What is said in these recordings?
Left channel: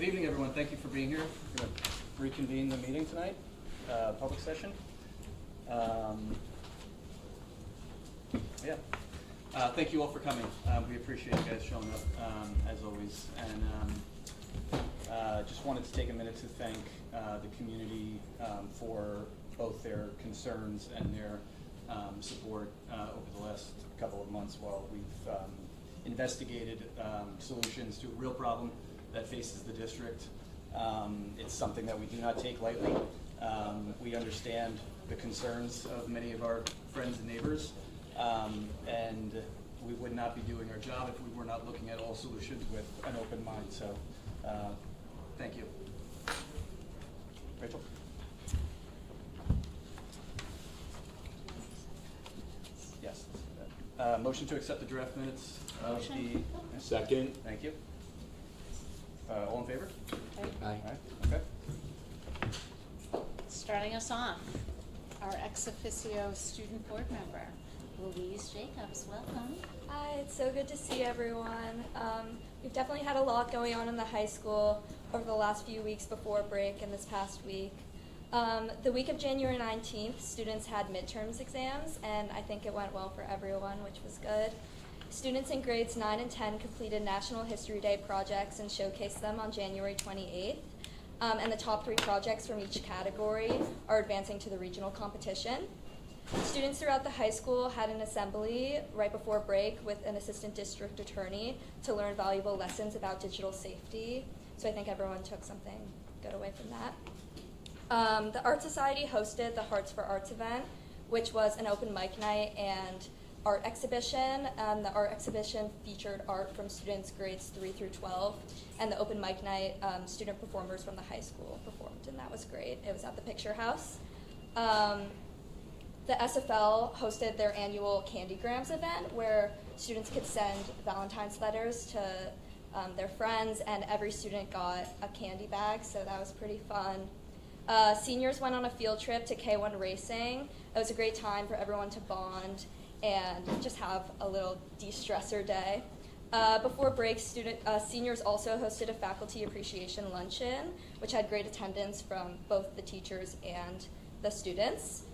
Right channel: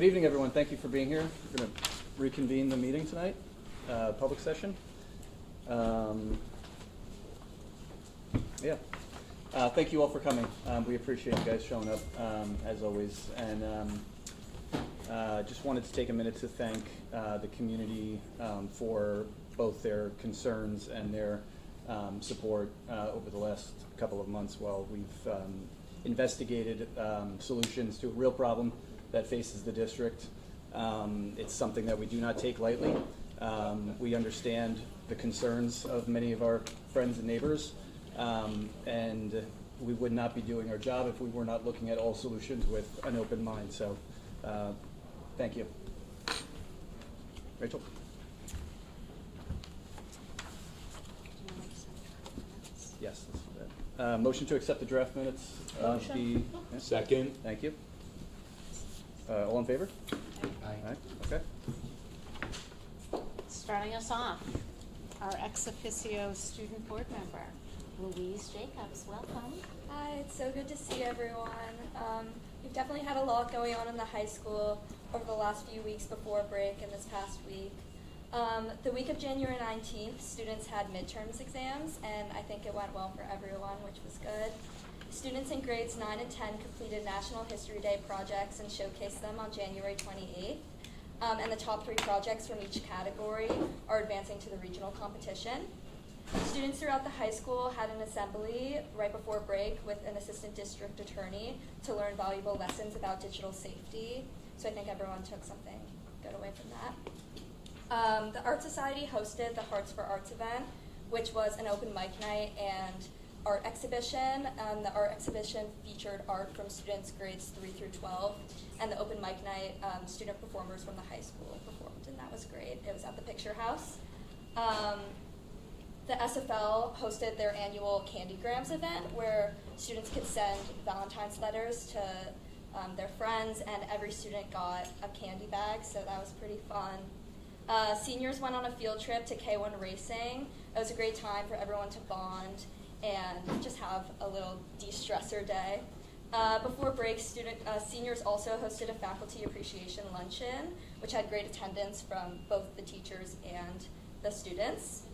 Good evening, everyone. Thank you for being here. We're going to reconvene the meeting tonight, public session. Thank you all for coming. We appreciate you guys showing up, as always. And just wanted to take a minute to thank the community for both their concerns and their support over the last couple of months while we've investigated solutions to a real problem that faces the district. It's something that we do not take lightly. We understand the concerns of many of our friends and neighbors, and we would not be doing our job if we were not looking at all solutions with an open mind. So thank you. Rachel? Yes. Motion to accept the draft minutes of the... Second. Thank you. All in favor? Aye. Okay. Starting us off, our ex officio student board member, Louise Jacobs. Welcome. Hi, it's so good to see everyone. We've definitely had a lot going on in the high school over the last few weeks before break and this past week. The week of January 19th, students had midterms exams, and I think it went well for everyone, which was good. Students in grades 9 and 10 completed National History Day projects and showcased them on January 28th. And the top 3 projects from each category are advancing to the regional competition. Students throughout the high school had an assembly right before break with an assistant district attorney to learn valuable lessons about digital safety. So I think everyone took something good away from that. The Art Society hosted the Hearts for Arts event, which was an open mic night and art exhibition. The art exhibition featured art from students grades 3 through 12, and the open mic night, student performers from the high school performed, and that was great. It was at the Picture House. The SFL hosted their annual Candygrams event where students could send Valentine's letters to their friends, and every student got a candy bag, so that was pretty fun. Seniors went on a field trip to K1 Racing. It was a great time for everyone to bond and just have a little de-stressor day. Before break, seniors also hosted a faculty appreciation luncheon, which had great attendance from both the teachers and the students.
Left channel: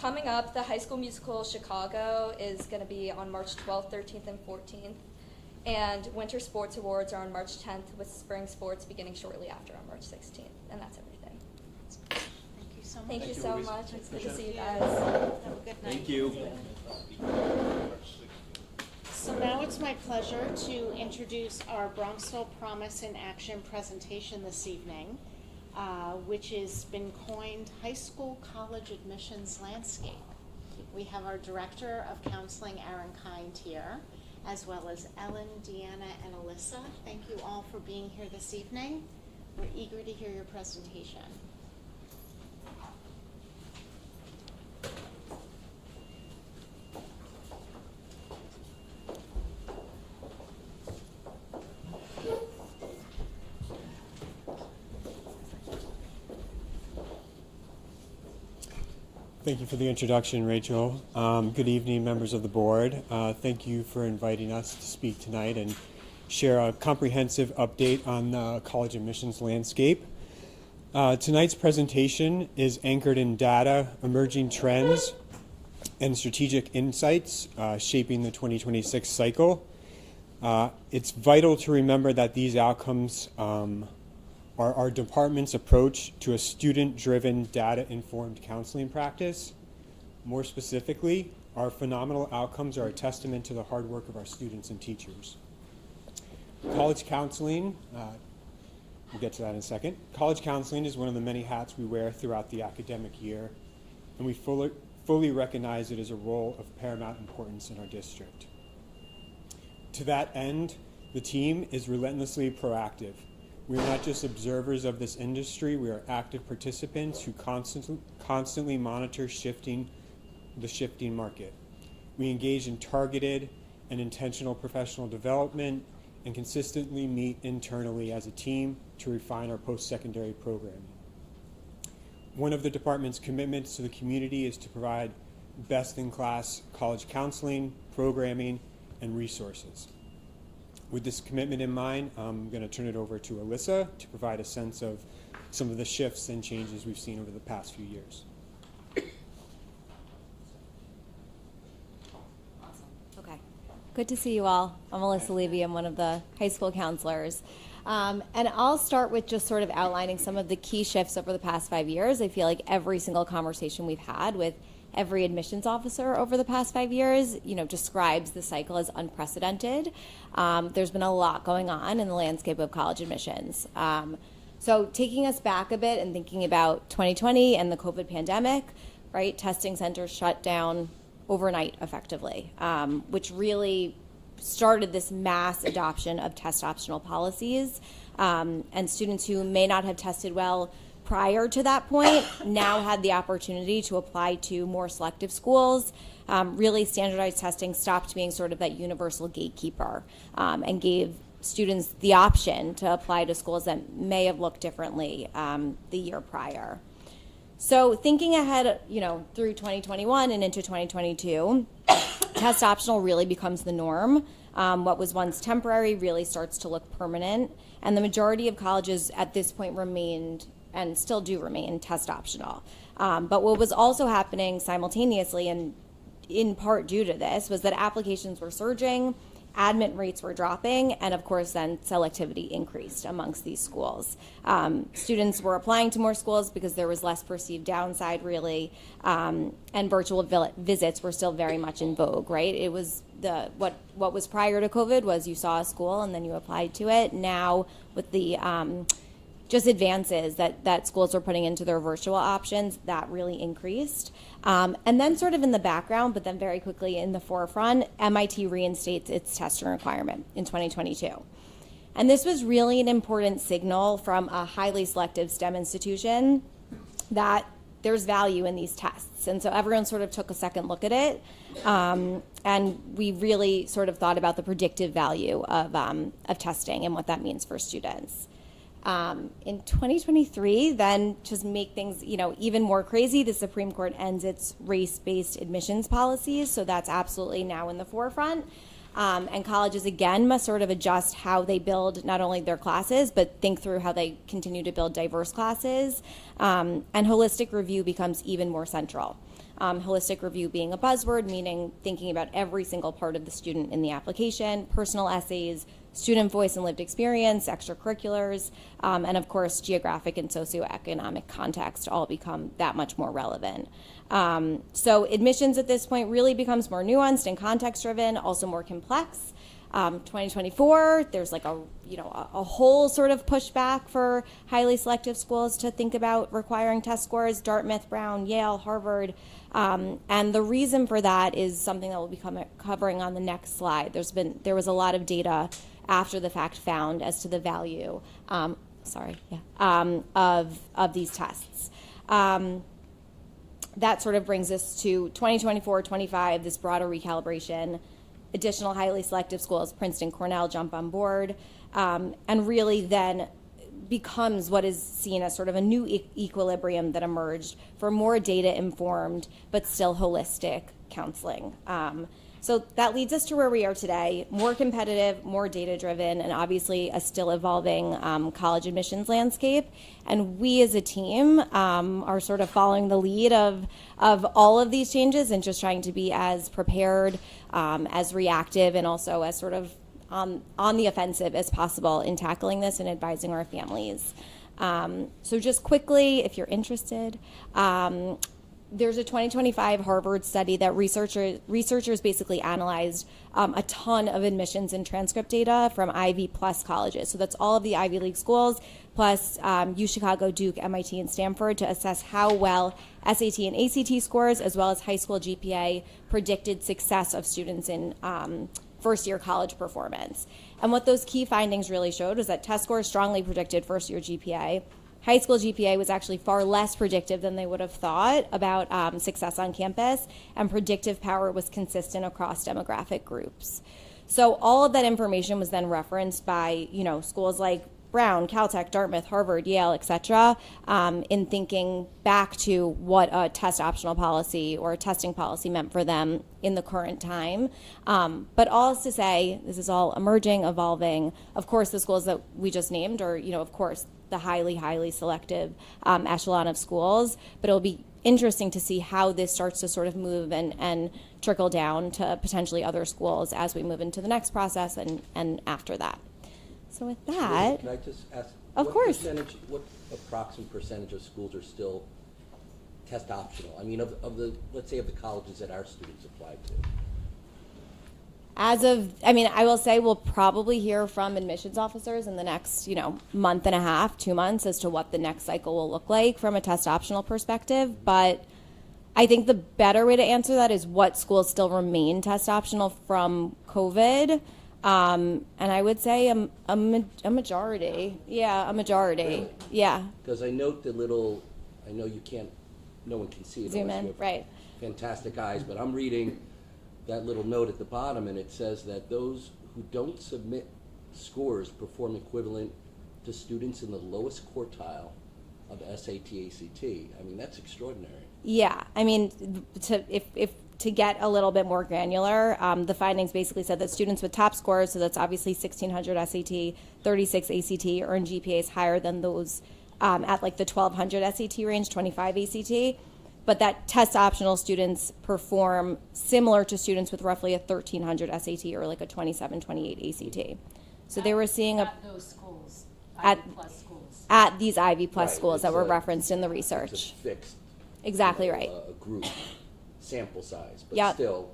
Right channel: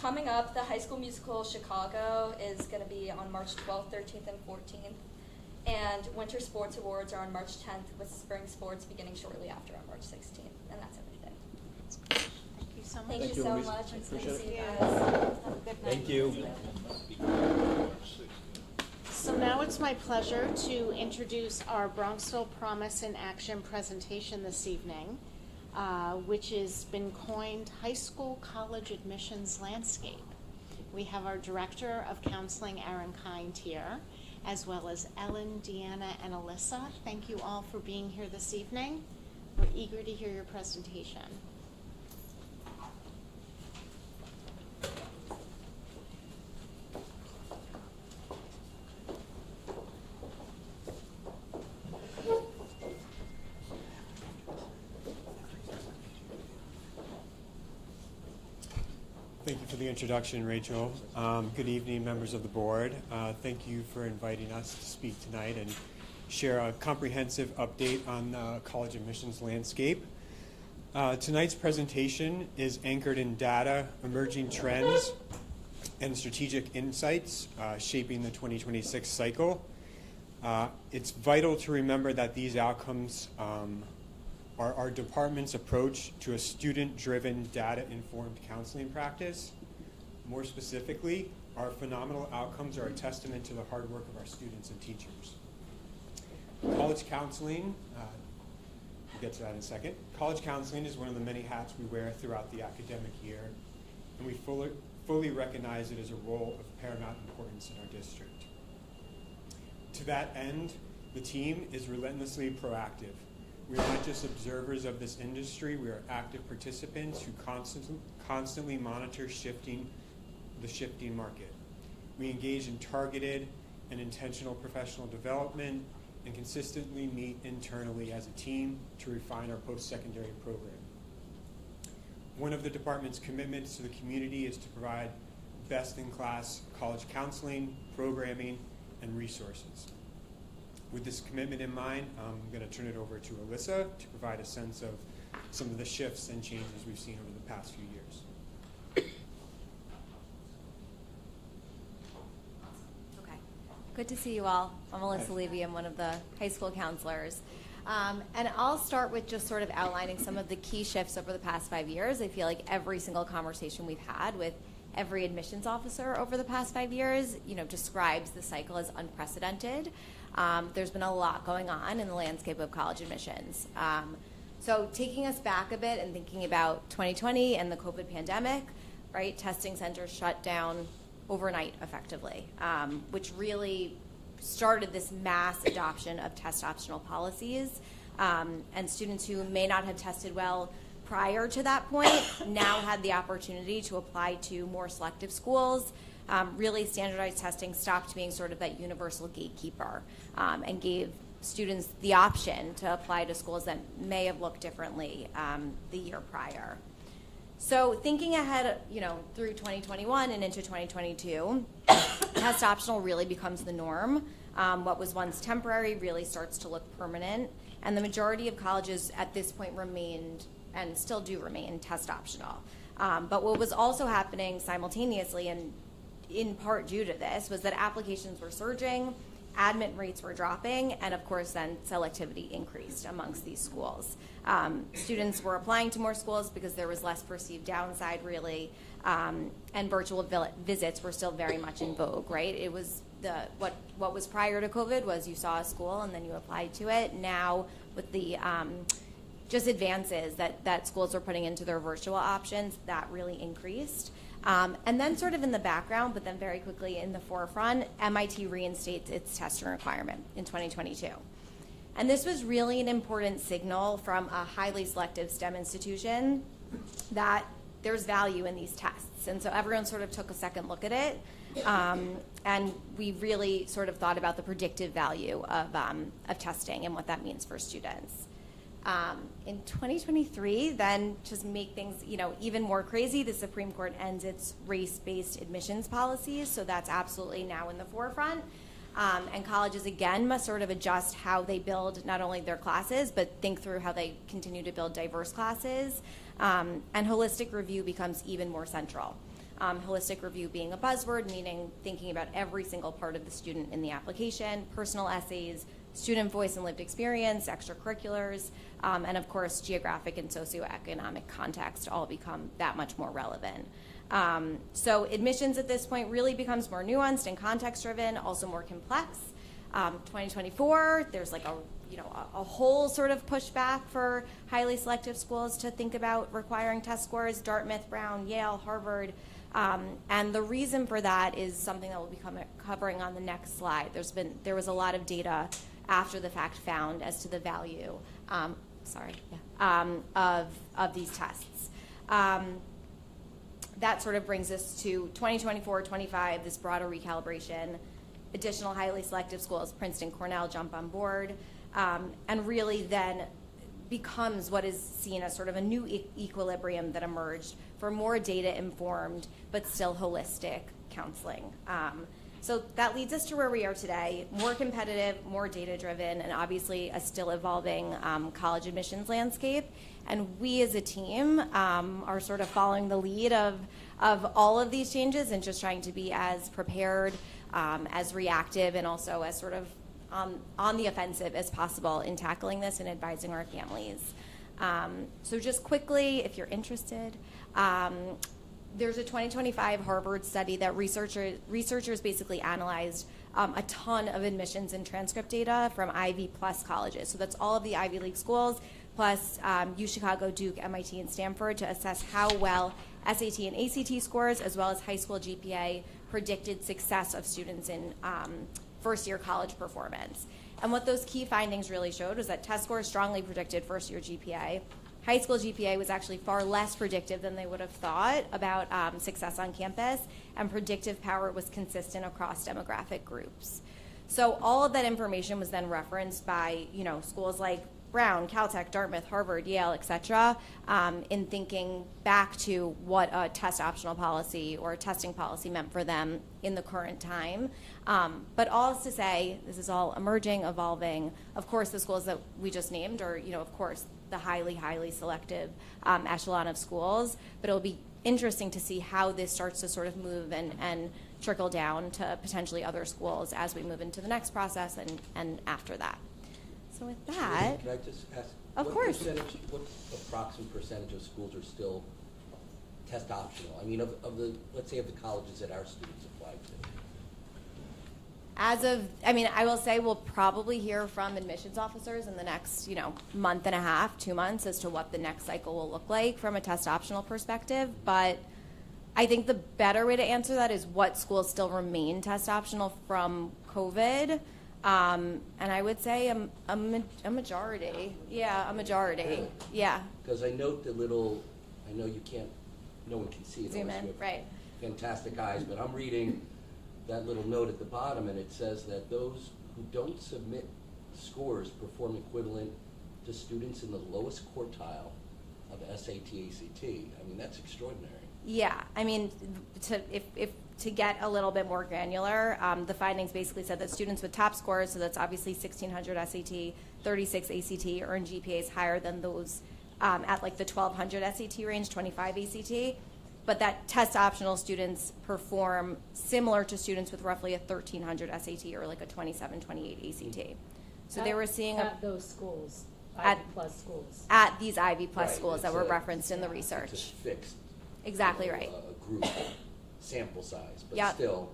Coming up, the High School Musical Chicago is going to be on March 12th, 13th, and 14th. And Winter Sports Awards are on March 10th, with spring sports beginning shortly after on March 16th. And that's everything. Thank you so much. Thank you so much. It's good to see you guys. Have a good night. Thank you. So now it's my pleasure to introduce our Bronxville Promise in Action presentation this evening, which has been coined High School College Admissions Landscape. We have our Director of Counseling, Aaron Kind, here, as well as Ellen, Deanna, and Alyssa. Thank you all for being here this evening. We're eager to hear your presentation. Thank you for the introduction, Rachel. Good evening, members of the board. Thank you for inviting us to speak tonight and share a comprehensive update on the college admissions landscape. Tonight's presentation is anchored in data, emerging trends, and strategic insights shaping the 2026 cycle. It's vital to remember that these outcomes are our department's approach to a student-driven, data-informed counseling practice. More specifically, our phenomenal outcomes are a testament to the hard work of our students and teachers. College counseling, we'll get to that in a second. College counseling is one of the many hats we wear throughout the academic year, and we fully recognize it as a role of paramount importance in our district. To that end, the team is relentlessly proactive. We are not just observers of this industry, we are active participants who constantly monitor the shifting market. We engage in targeted and intentional professional development and consistently meet internally as a team to refine our post-secondary programming. One of the department's commitments to the community is to provide best-in-class college counseling, programming, and resources. With this commitment in mind, I'm going to turn it over to Alyssa to provide a sense of some of the shifts and changes we've seen over the past few years. Okay. Good to see you all. I'm Alyssa Levy. I'm one of the high school counselors. And I'll start with just sort of outlining some of the key shifts over the past 5 years. I feel like every single conversation we've had with every admissions officer over the past 5 years, describes the cycle as unprecedented. There's been a lot going on in the landscape of college admissions. So taking us back a bit and thinking about 2020 and the COVID pandemic, right? Testing centers shut down overnight effectively, which really started this mass adoption of test optional policies. And students who may not have tested well prior to that point now had the opportunity to apply to more selective schools. Really, standardized testing stopped being sort of that universal gatekeeper and gave students the option to apply to schools that may have looked differently the year prior. So thinking ahead, through 2021 and into 2022, test optional really becomes the norm. What was once temporary really starts to look permanent, and the majority of colleges at this point remained and still do remain test optional. But what was also happening simultaneously, and in part due to this, was that applications were surging, admit rates were dropping, and of course then selectivity increased amongst these schools. Students were applying to more schools because there was less perceived downside really, and virtual visits were still very much in vogue, right? It was what was prior to COVID was you saw a school and then you applied to it. Now with the just advances that schools are putting into their virtual options, that really increased. And then sort of in the background, but then very quickly in the forefront, MIT reinstates its testing requirement in 2022. And this was really an important signal from a highly selective STEM institution that there's value in these tests. And so everyone sort of took a second look at it. And we really sort of thought about the predictive value of testing and what that means for students. In 2023, then just make things, even more crazy, the Supreme Court ends its race-based admissions policies, so that's absolutely now in the forefront. And colleges, again, must sort of adjust how they build not only their classes, but think through how they continue to build diverse classes. And holistic review becomes even more central. Holistic review being a buzzword, meaning thinking about every single part of the student in the application, personal essays, student voice and lived experience, extracurriculars, and of course geographic and socioeconomic context all become that much more relevant. So admissions at this point really becomes more nuanced and context driven, also more complex. 2024, there's like a whole sort of pushback for highly selective schools to think about requiring test scores, Dartmouth, Brown, Yale, Harvard. And the reason for that is something that we'll be covering on the next slide. There was a lot of data after the fact found as to the value, of these tests. That sort of brings us to 2024-25, this broader recalibration. Additional highly selective schools, Princeton, Cornell, jump on board, and really then becomes what is seen as sort of a new equilibrium that emerged for more data-informed but still holistic counseling. So that leads us to where we are today, more competitive, more data-driven, and obviously a still evolving college admissions landscape. And we as a team are sort of following the lead of all of these changes and just trying to be as prepared, as reactive, and also as sort of on the offensive as possible in tackling this and advising our families. So just quickly, if you're interested, there's a 2025 Harvard study that researchers basically analyzed a ton of admissions and transcript data from Ivy plus colleges. So that's all of the Ivy League schools plus UChicago, Duke, MIT, and Stanford to assess how well SAT and ACT scores as well as high school GPA predicted success of students in first-year college performance. And what those key findings really showed was that test scores strongly predicted first-year GPA. High school GPA was actually far less predictive than they would have thought about success on campus, and predictive power was consistent across demographic groups. So all of that information was then referenced by schools like Brown, Caltech, Dartmouth, Harvard, Yale, etc., in thinking back to what a test optional policy or a testing policy meant for them in the current time. But all is to say, this is all emerging, evolving. Of course, the schools that we just named are, of course, the highly, highly selective echelon of schools. But it'll be interesting to see how this starts to sort of move and trickle down to potentially other schools as we move into the next process and after that. So with that, Can I just ask? Of course. What approximate percentage of schools are still test optional? I mean, of the, let's say, of the colleges that our students apply to. I will say we'll probably hear from admissions officers in the next, month and a half, 2 months as to what the next cycle will look like from a test optional perspective. But I think the better way to answer that is what schools still remain test optional from COVID. And I would say a majority. Yeah, a majority. Really? Yeah. Because I note I know you can't, no one can see it. Zoom unless in, you have right. Fantastic eyes, but I'm reading that little note at the bottom, and it says that those who don't submit scores perform equivalent to students in the lowest quartile of SAT, ACT. I mean, that's extraordinary. Yeah, to get a little bit more granular, the findings basically said that students with top scores, so that's obviously 1,600 SAT, 36 ACT, earn GPAs higher than those at like the 1,200 SAT range, 25 ACT. But that test optional students perform similar to students with roughly a 1,300 SAT or like a 27, 28 ACT. So they were seeing at those schools, at Ivy Plus schools. At these Ivy Plus Right, schools that it's were a- referenced in the It's research. a fixed. Exactly right. A group sample size, but Yep. still,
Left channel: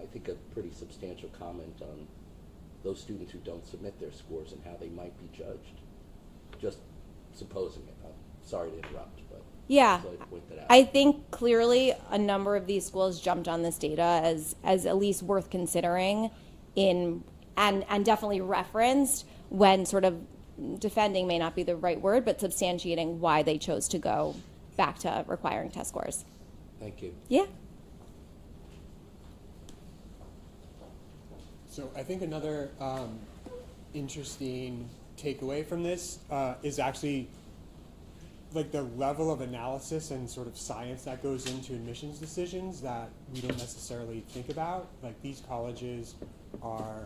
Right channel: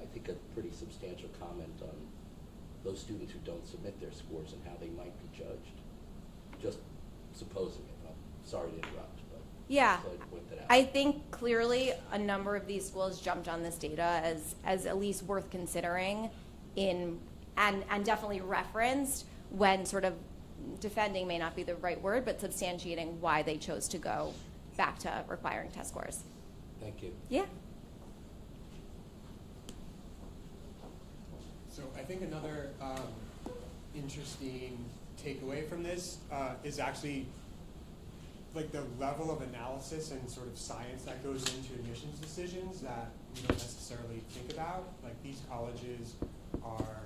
I think a pretty substantial comment on those students who don't submit their scores and how they might be judged. Just supposing it. I'm sorry to interrupt, but Yeah. so I point that out. I think clearly a number of these schools jumped on this data as at least worth considering and definitely referenced when sort of defending may not be the right word, but substantiating why they chose to go back to requiring test scores. Thank you. Yeah. So I think another interesting takeaway from this is actually like the level of analysis and sort of science that goes into admissions decisions that we don't necessarily think about. Like these colleges are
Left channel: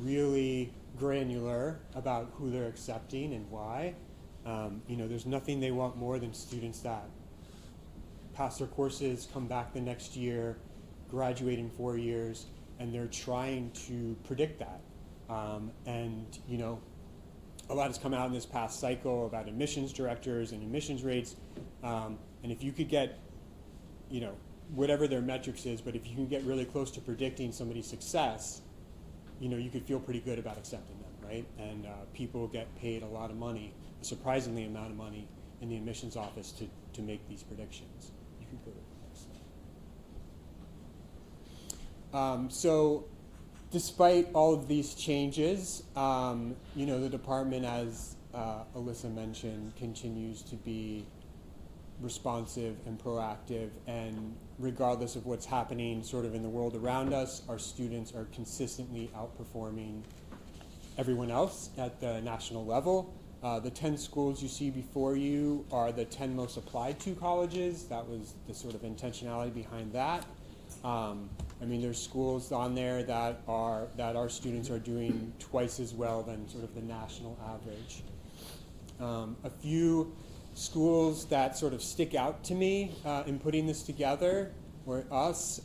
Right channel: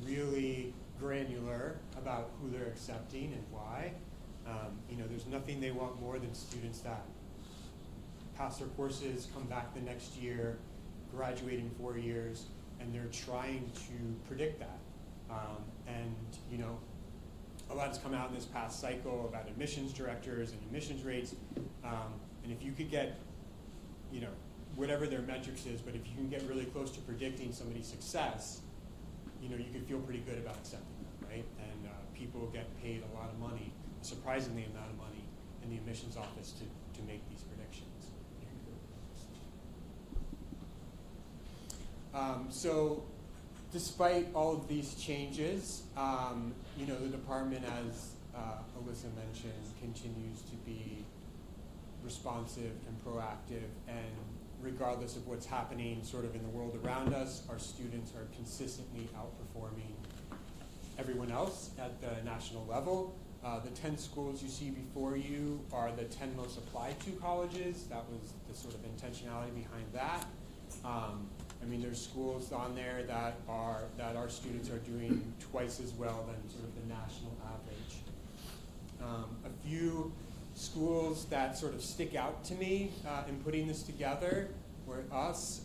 really granular about who they're accepting and why. There's nothing they want more than students that pass their courses, come back the next year, graduate in 4 years, and they're trying to predict that. A lot has come out in this past cycle about admissions directors and admissions rates. And if you could get, whatever their metrics is, but if you can get really close to predicting somebody's success, you could feel pretty good about accepting them, right? And people get paid a lot of money, a surprisingly amount of money in the admissions office to make these predictions. So despite all of these changes, the department, as Alyssa mentioned, continues to be responsive and proactive, and regardless of what's happening sort of in the world around us, our students are consistently outperforming everyone else at the national level. The 10 schools you see before you are the 10 most applied to colleges. That was the sort of intentionality behind that. There's schools on there that our students are doing twice as well than sort of the national average. A few schools that sort of stick out to me in putting this together were us.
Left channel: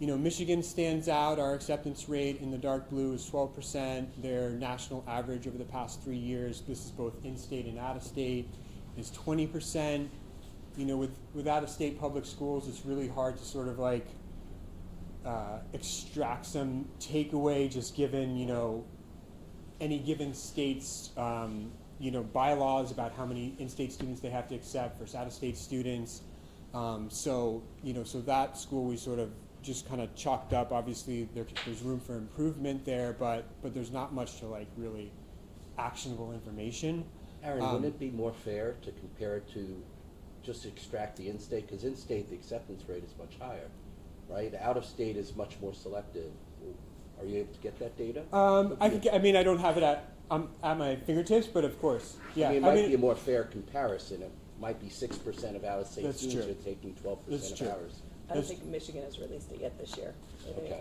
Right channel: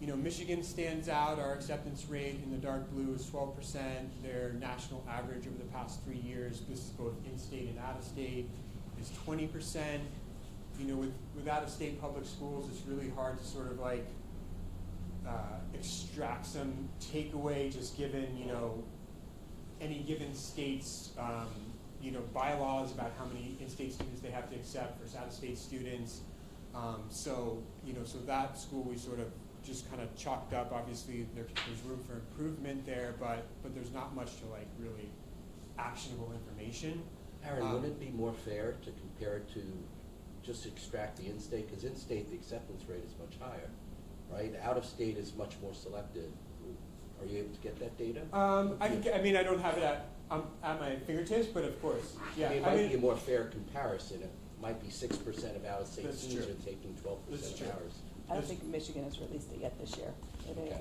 Michigan stands out. Our acceptance rate in the dark blue is 12%. Their national average over the past 3 years, this is both in-state and out-of-state, is 20%. With out-of-state public schools, it's really hard to sort of like extract some takeaway just given, any given state's, bylaws about how many in-state students they have to accept versus out-of-state students. So that school we sort of just kind of chalked up. Obviously, there's room for improvement there, but there's not much to like really actionable information. Aaron, wouldn't it be more fair to compare it to just extract the in-state? Because in-state, the acceptance rate is much higher, right? Out-of-state is much more selective. Are you able to get that data? I mean, I don't have it at my fingertips, but of course, yeah. I mean, it might be a more fair comparison. It might be 6% of out-of-state That's students true. are taking 12% That's of true. ours. I don't think Michigan has released it yet this year. Okay.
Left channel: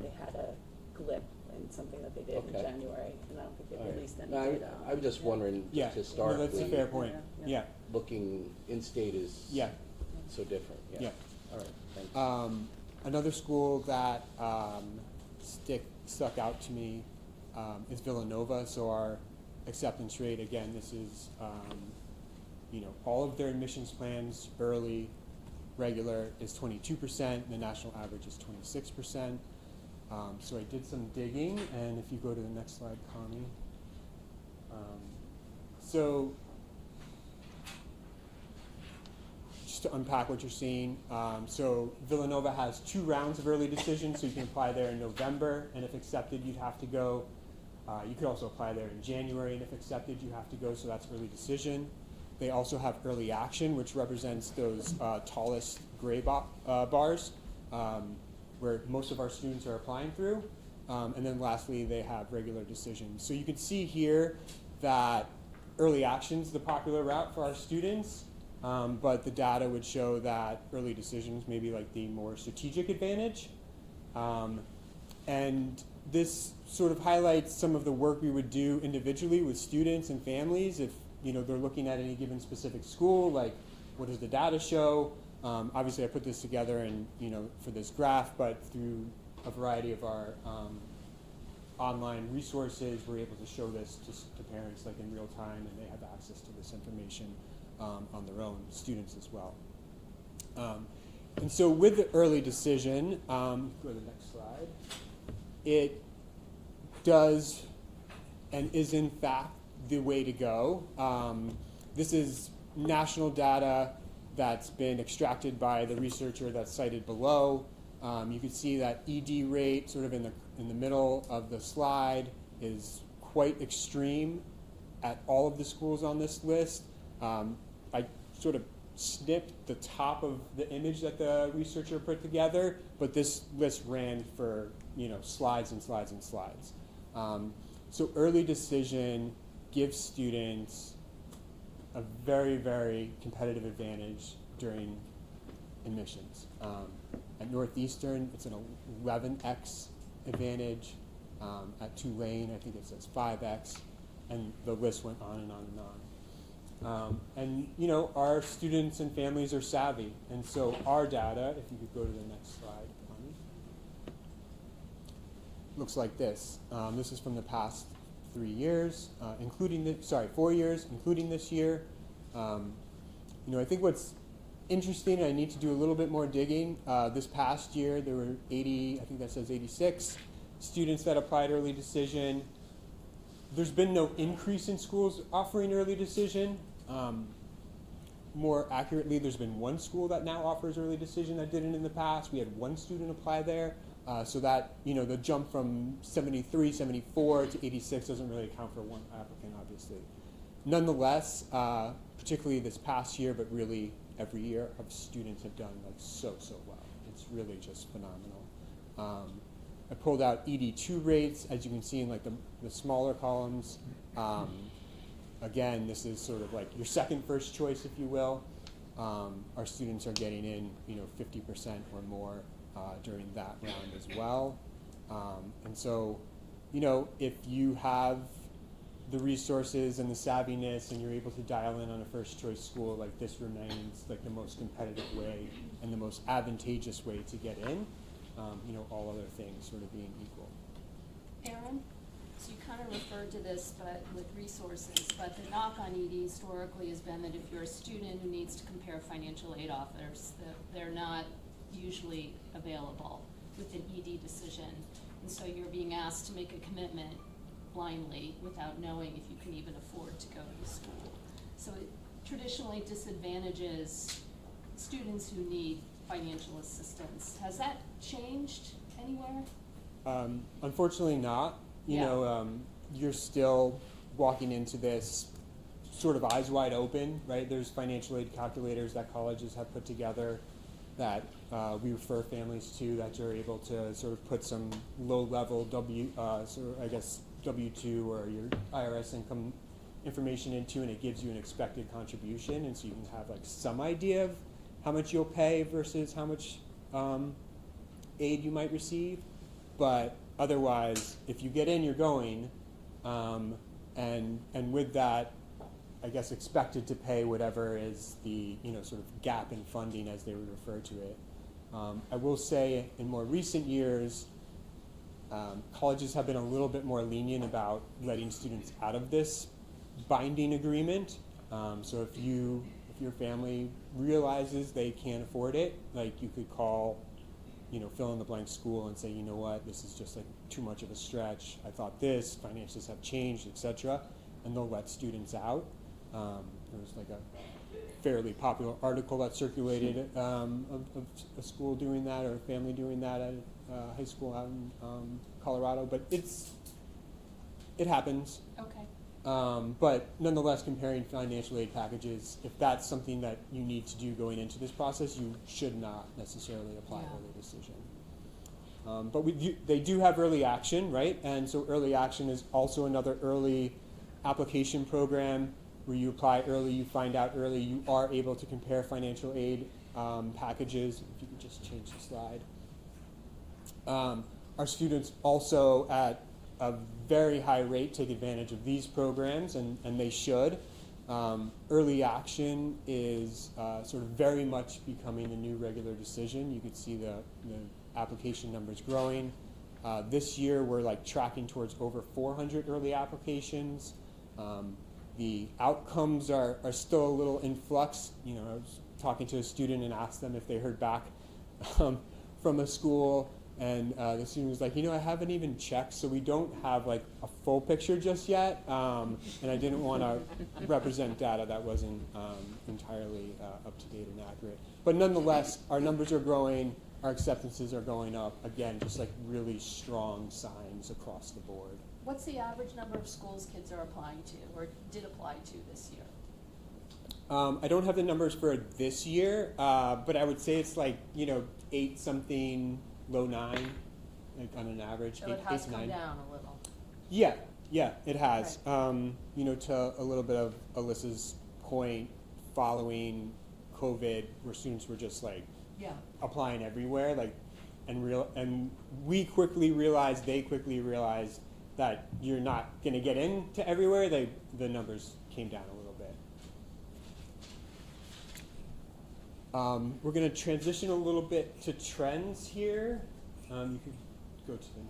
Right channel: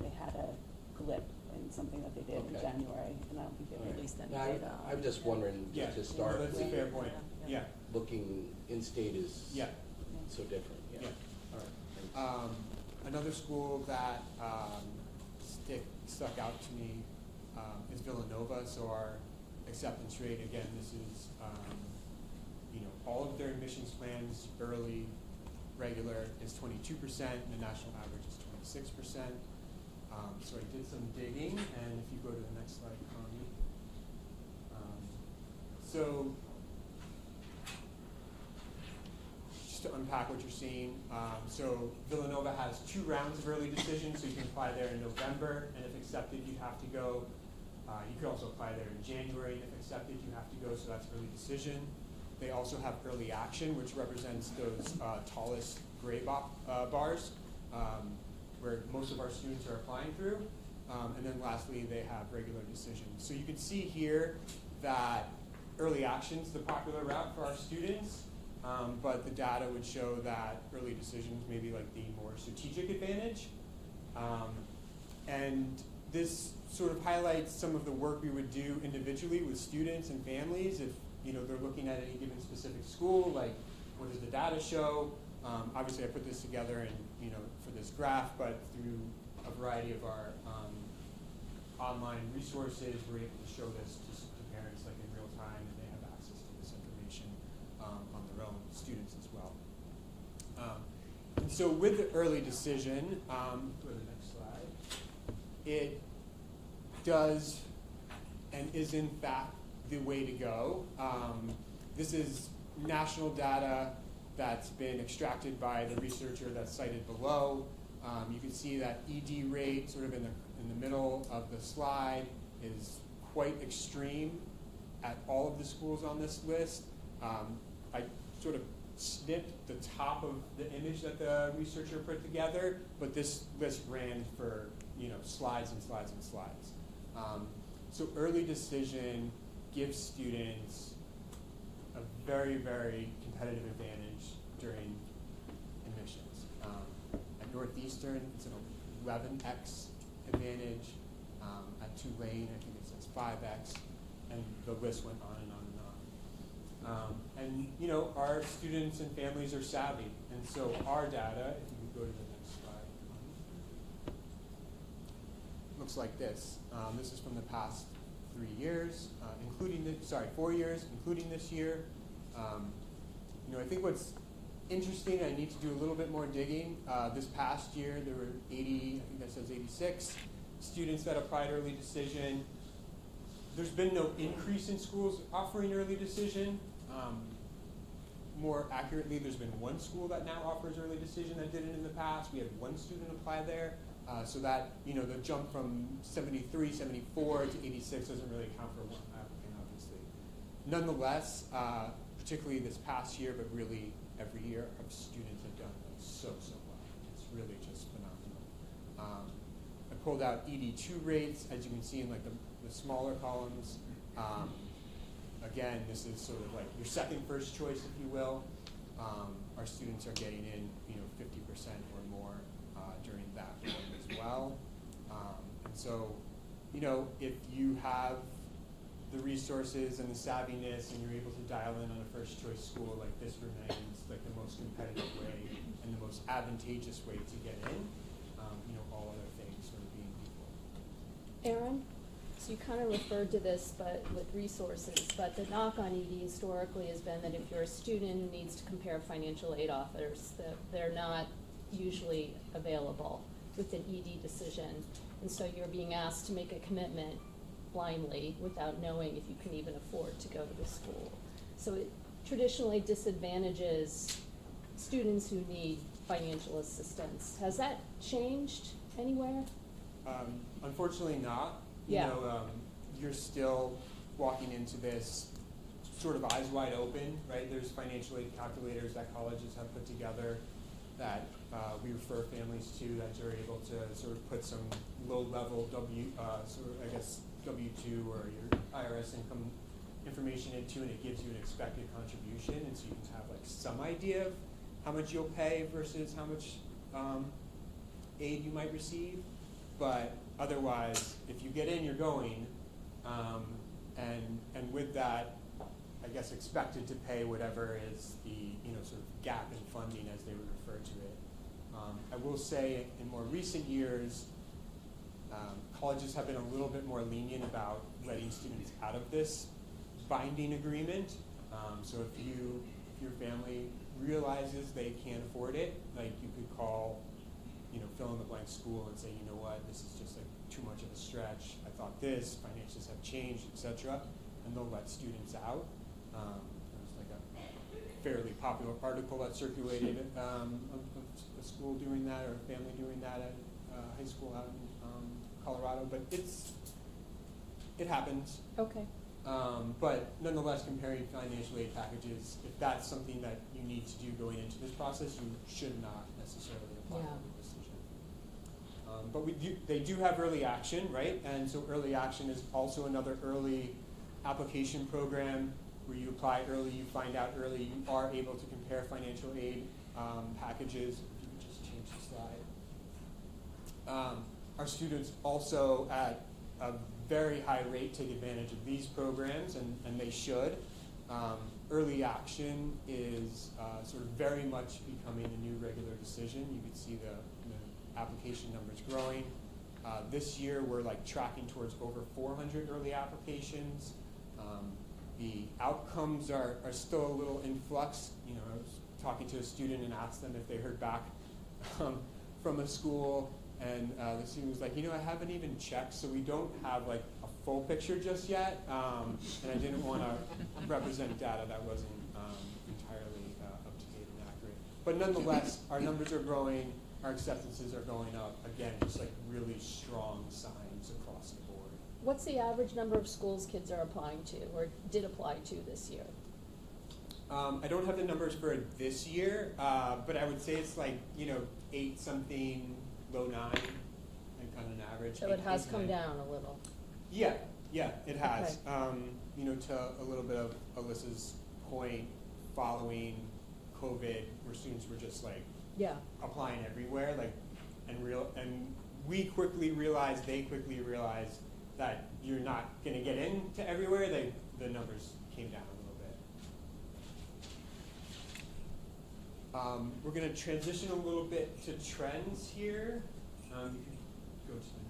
They had a glitch in something that they did in Okay. January, and I don't think All they right. released it. No, I'm just wondering, Yeah, just no, historically, that's a fair point. Yeah, looking in-state is yeah, so different. yeah. All right, thanks. Another school that stuck out to me is Villanova. So our acceptance rate, again, this is all of their admissions plans, early, regular, is 22%. And the national average is 26%. So I did some digging, and if you go to the next slide, Connie. So just to unpack what you're seeing, so Villanova has 2 rounds of early decision, so you can apply there in November, and if accepted, you'd have to go. You could also apply there in January, and if accepted, you have to go, so that's early decision. They also have early action, which represents those tallest gray bars, where most of our students are applying through. And then lastly, they have regular decision. So you can see here that early action is the popular route for our students, but the data would show that early decisions may be like the more strategic advantage. And this sort of highlights some of the work we would do individually with students and families if they're looking at any given specific school, like what does the data show? Obviously, I put this together and for this graph, but through a variety of our online resources, we're able to show this to parents like in real time, and they have access to this information on their own, students as well. And so with the early decision, go to the next slide, it does and is in fact the way to go. This is national data that's been extracted by the researcher that's cited below. You can see that ED rate sort of in the middle of the slide is quite extreme at all of the schools on this list. I sort of snipped the top of the image that the researcher put together, but this list ran for slides and slides and slides. So early decision gives students a very, very competitive advantage during admissions. At Northeastern, it's an 11x advantage. At Tulane, I think it says 5x, and the list went on and on and on. And our students and families are savvy, and so our data, if you could go to the next slide, looks like this. This is from the past 3 years, 4 years, including this year. I think what's interesting, I need to do a little bit more digging. This past year, there were 80, I think that says 86 students that applied early decision. There's been no increase in schools offering early decision. More accurately, there's been one school that now offers early decision that didn't in the past. We had one student apply there. So that, the jump from 73, 74 to 86 doesn't really account for one applicant, obviously. Nonetheless, particularly this past year, but really every year, our students have done so well. It's really just phenomenal. I pulled out ED2 rates, as you can see in the smaller columns. Again, this is sort of like your first choice, if you will. Our students are getting in, 50% or more during that round as well. And so, if you have the resources and the savviness and you're able to dial in on a first choice school, this remains the most competitive way and the most advantageous way to get in, all other things sort of being equal. Aaron, so you kind of referred to this but with resources, but the knock on ED historically has been that if you're a student who needs to compare financial aid offers, that they're not usually available with an ED decision. And so you're being asked to make a commitment blindly without knowing if you can even afford to go to the school. So it traditionally disadvantages students who need financial assistance. Has that changed anywhere? Unfortunately not. You're still walking into this sort of eyes wide open, right? There's financial aid calculators that colleges have put together, that we refer families to, that you're able to sort of put some low-level W-2 or your IRS income information into, and it gives you an expected contribution, and so you can have like some idea of how much you'll pay versus how much aid you might receive. But otherwise, if you get in, you're going, and with that, I guess expected to pay whatever is the sort of gap in funding, as they would refer to it. I will say in more recent years, colleges have been a little bit more lenient about letting students out of this binding agreement. So if your family realizes they can't afford it, like you could call, fill in the blank school and say, you know what, this is just like too much of a stretch. I thought this, finances have changed, etc. And they'll let students out. There was like a fairly popular article that circulated of a school doing that, or a family doing that at a high school out in Colorado. But it happens. Okay. But nonetheless, comparing financial aid packages, if that's something that you need to do going into this process, you should not necessarily apply for the decision. But they do have early action, right? And so early action is also another early application program where you apply early, you find out early, you are able to compare financial aid packages. If you could just change the slide. Our students also at a very high rate take advantage of these programs, and they should. Early action is sort of very much becoming a new regular decision. You could see the application numbers growing. This year we're like tracking towards over 400 early applications. The outcomes are still a little in flux. I was talking to a student and asked them if they heard back from a school, and the student was like, I haven't even checked, so we don't have like a full picture just yet, and I didn't want to represent data that wasn't entirely up to date and accurate. But nonetheless, our numbers are growing, our acceptances are going up. Again, just like really strong signs across the board. What's the average number of schools kids are applying to or did apply to this year? I don't have the numbers for this year, but I would say it's like, 8 something, low 9, like on an average. So 8, it has 8, come 9. down a little. Yeah, it has. Okay. To a little bit of Alyssa's point, following COVID, where students were just like applying everywhere, and we quickly realized, they quickly realized that you're not going to get into everywhere. The numbers came down a little bit. We're going to transition a little bit to trends here. You can go to the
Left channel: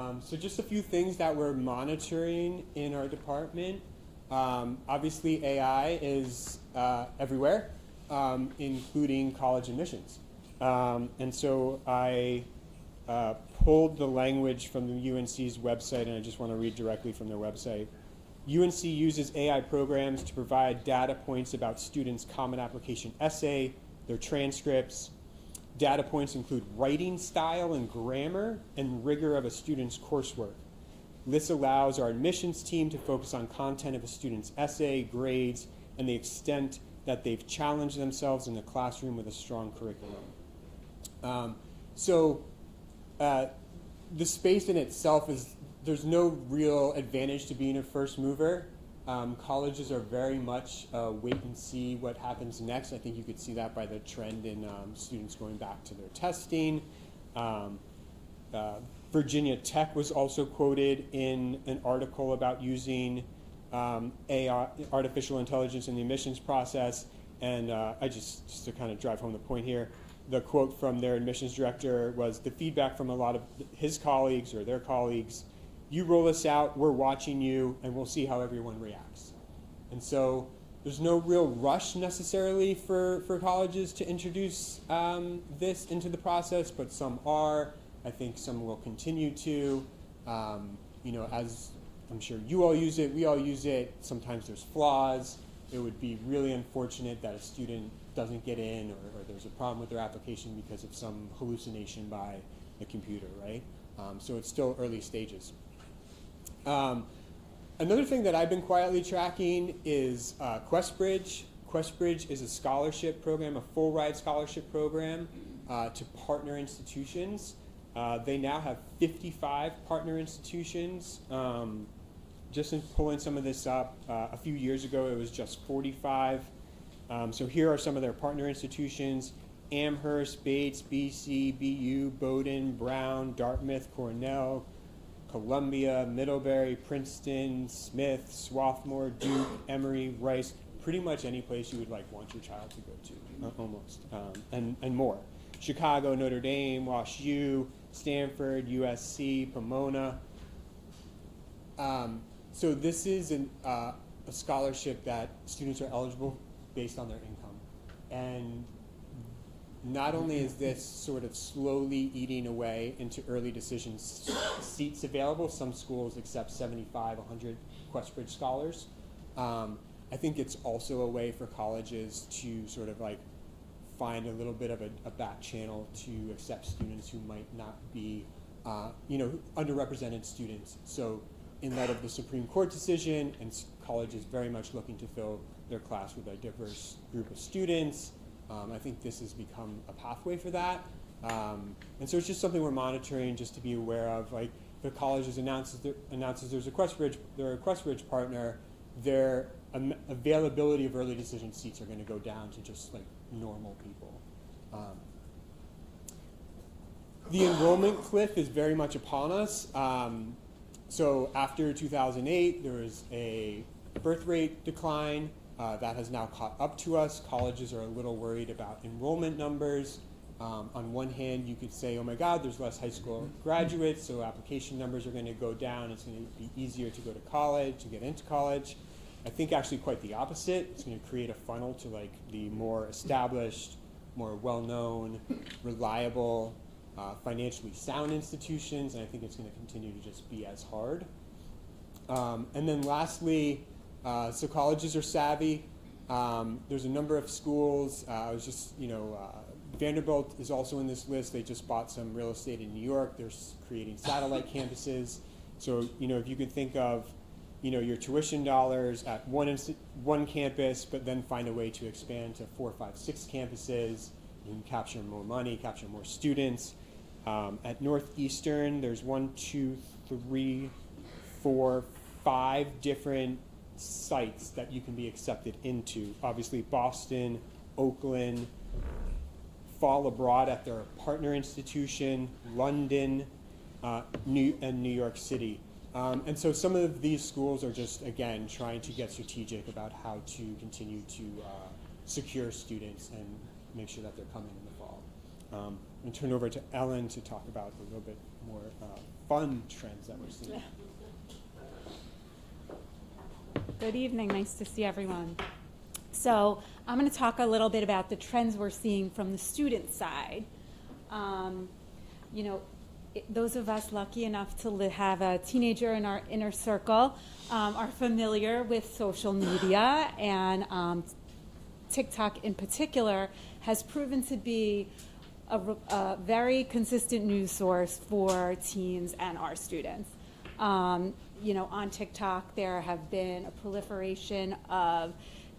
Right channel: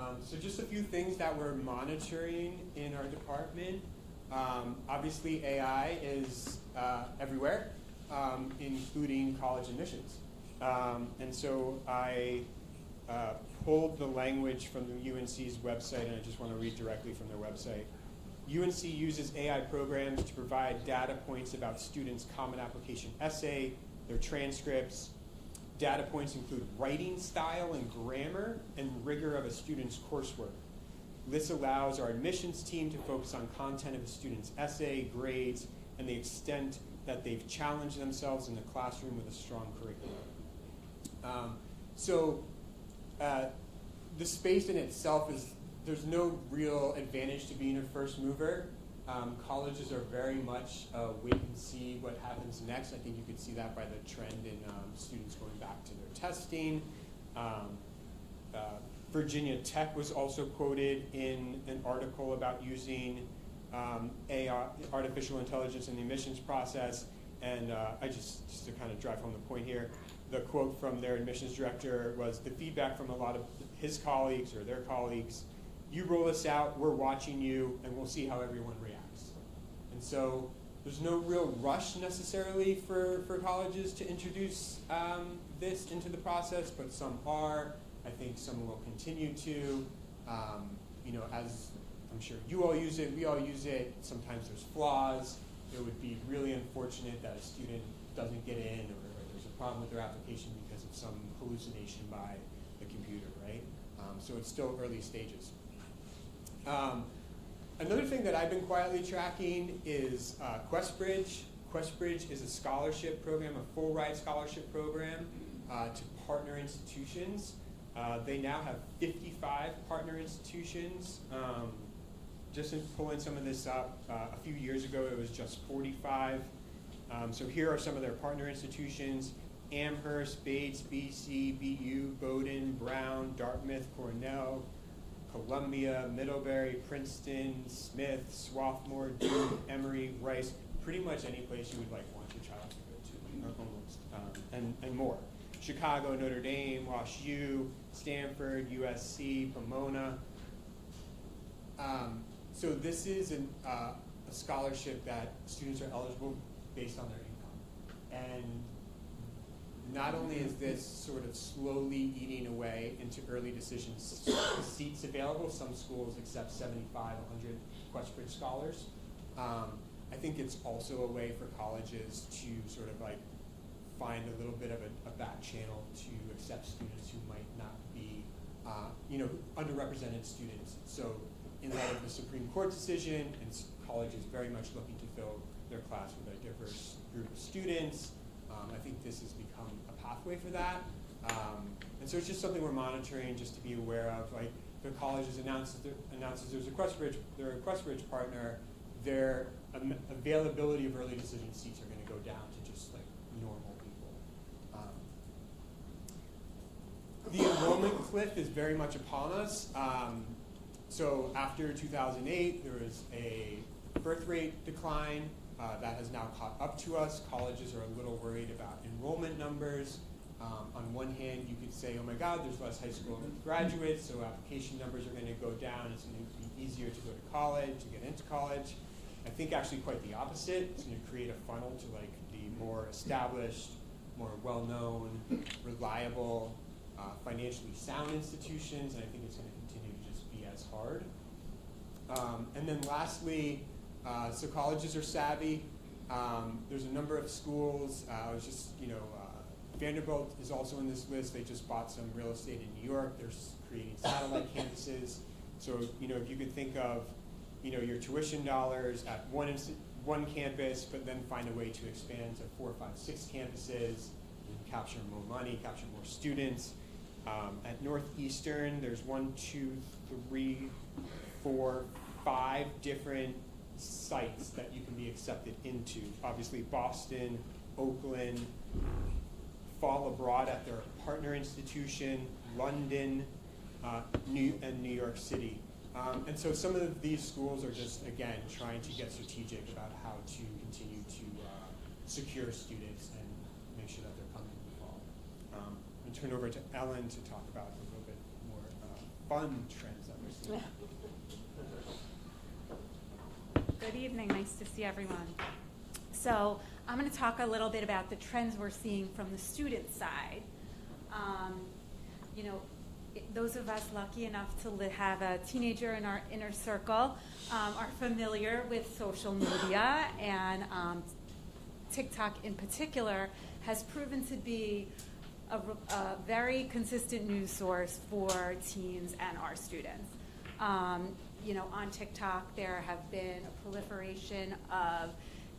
next. So just a few things that we're monitoring in our department. Obviously, AI is everywhere, including college admissions. And so I pulled the language from the UNC's website, and I just want to read directly from their website. UNC uses AI programs to provide data points about students' common application essay, their transcripts. Data points include writing style and grammar and rigor of a student's coursework. This allows our admissions team to focus on content of a student's essay, grades, and the extent that they've challenged themselves in the classroom with a strong curriculum. The space in itself there's no real advantage to being a first mover. Colleges are very much wait and see what happens next. I think you could see that by the trend in students going back to their testing. Virginia Tech was also quoted in an article about using AI, artificial intelligence in the admissions process. And I just to kind of drive home the point here, the quote from their admissions director was, the feedback from a lot of his colleagues or their colleagues, you roll this out, we're watching you, and we'll see how everyone reacts. And so there's no real rush necessarily for colleges to introduce this into the process, but some are. I think some will continue to. As I'm sure you all use it, we all use it. Sometimes there's flaws. It would be really unfortunate that a student doesn't get in, or there's a problem with their application because of some hallucination by the computer, right? So it's still early stages. Another thing that I've been quietly tracking is QuestBridge. Questbridge is a scholarship program, a full ride scholarship program to partner institutions. They now have 55 partner institutions. Just in pulling some of this up, a few years ago it was just 45. So here are some of their partner institutions: Amherst, Bates, BC, BU, Bowdoin, Brown, Dartmouth, Cornell, Columbia, Middlebury, Princeton, Smith, Swarthmore, Duke, Emory, Rice, pretty much any place you would want your child to go to, almost, and more. Chicago, Notre Dame, Wash U, Stanford, USC, Pomona. So this is a scholarship that students are eligible based on their income. And not only is this sort of slowly eating away into early decision seats available, some schools accept 75, 100 Questbridge scholars. I think it's also a way for colleges to sort of find a little bit of a back channel to accept students who might not be, underrepresented students. So in light of the Supreme Court decision, and colleges very much looking to fill their class with a diverse group of students, I think this has become a pathway for that. And so it's just something we're monitoring just to be aware of. The colleges announces there's a Questbridge, they're a Questbridge partner, their availability of early decision seats are going to go down to just normal people. The enrollment cliff is very much upon us. So after 2008, there was a birth rate decline that has now caught up to us. Colleges are a little worried about enrollment numbers. On one hand, you could say, oh my God, there's less high school graduates, so application numbers are going to go down. It's going to be easier to go to college, to get into college. I think actually quite the opposite. It's going to create a funnel to the more established, more well-known, reliable, financially sound institutions, and I think it's going to continue to just be as hard. And then lastly, so colleges are savvy. There's a number of schools. I was just, Vanderbilt is also in this list. They just bought some real estate in New York. They're creating satellite campuses. So, if you could think of, your tuition dollars at one campus, but then find a way to expand to 4, 5, 6 campuses, you can capture more money, capture more students. At Northeastern, there's 1, 2, 3, 4, 5 different sites that you can be accepted into. Obviously, Boston, Oakland, fall abroad at their partner institution, London, and New York City. And so some of these schools are just, again, trying to get strategic about how to continue to secure students and make sure that they're coming in the fall. And turn over to Ellen to talk about a little bit more fun trends that we're seeing. Good evening, nice to see everyone. So I'm going to talk a little bit about the trends we're seeing from the student side. Those of us lucky enough to have a teenager in our inner circle are familiar with social media, and TikTok in particular has proven to be a very consistent news source for teens and our students. On TikTok there have been a proliferation of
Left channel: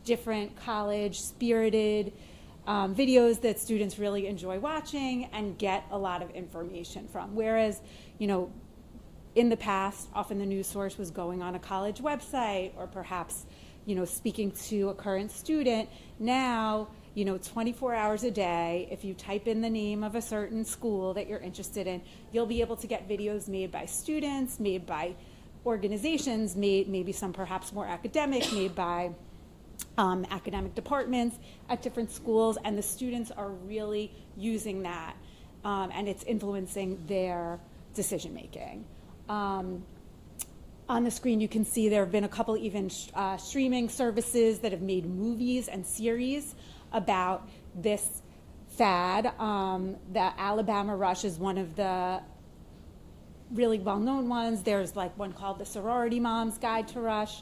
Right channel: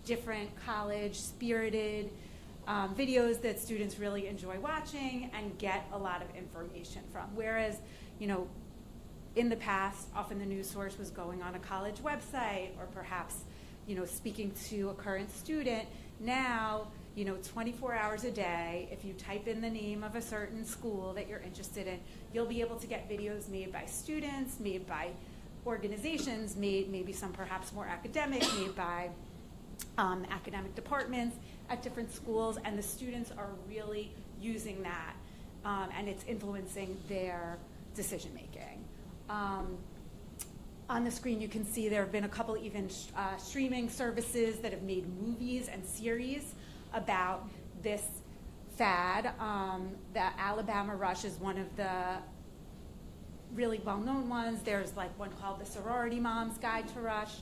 different college-spirited videos that students really enjoy watching and get a lot of information from. Whereas, in the past, often the news source was going on a college website or perhaps, speaking to a current student. Now, 24 hours a day, if you type in the name of a certain school that you're interested in, you'll be able to get videos made by students, made by organizations, maybe some perhaps more academic, made by academic departments at different schools, and the students are really using that, and it's influencing their decision making. On the screen you can see there have been a couple even streaming services that have made movies and series about this fad. The Alabama Rush is one of the really well-known ones. There's one called the Sorority Mom's Guide to Rush,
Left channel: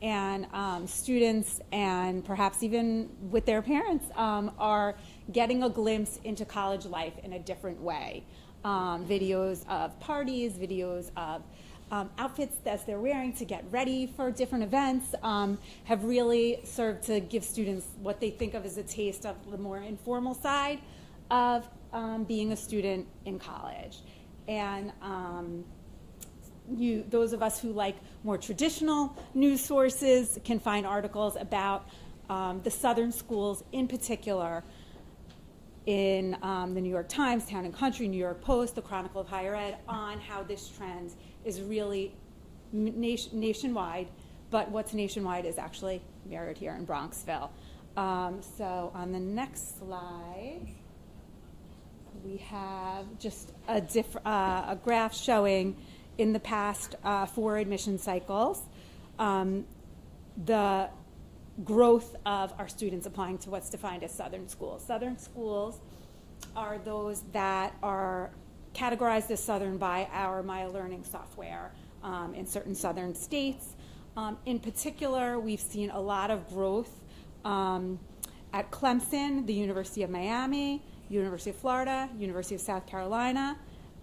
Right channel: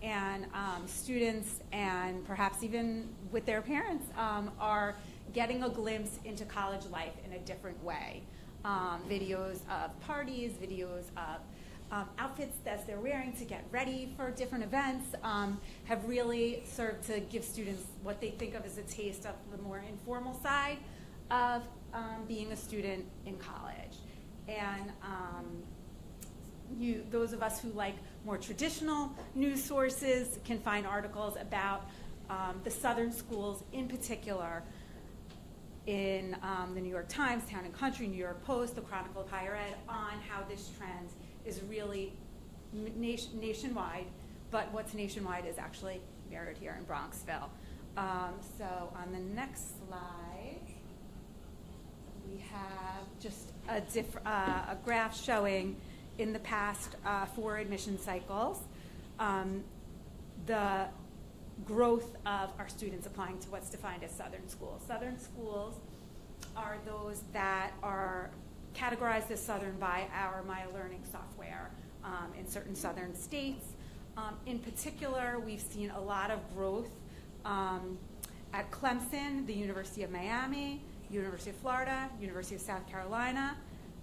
and students and perhaps even with their parents are getting a glimpse into college life in a different way. Videos of parties, videos of outfits as they're wearing to get ready for different events have really served to give students what they think of as a taste of the more informal side of being a student in college. And those of us who like more traditional news sources can find articles about the Southern schools in particular in the New York Times, Town and Country, New York Post, the Chronicle of Higher Ed, on how this trend is really nationwide, but what's nationwide is actually mirrored here in Bronxville. So on the next slide, we have just a graph showing in the past 4 admission cycles the growth of our students applying to what's defined as Southern schools. Southern schools are those that are categorized as Southern by our Maya Learning software in certain Southern states. In particular, we've seen a lot of growth at Clemson, the University of Miami, University of Florida, University of South Carolina,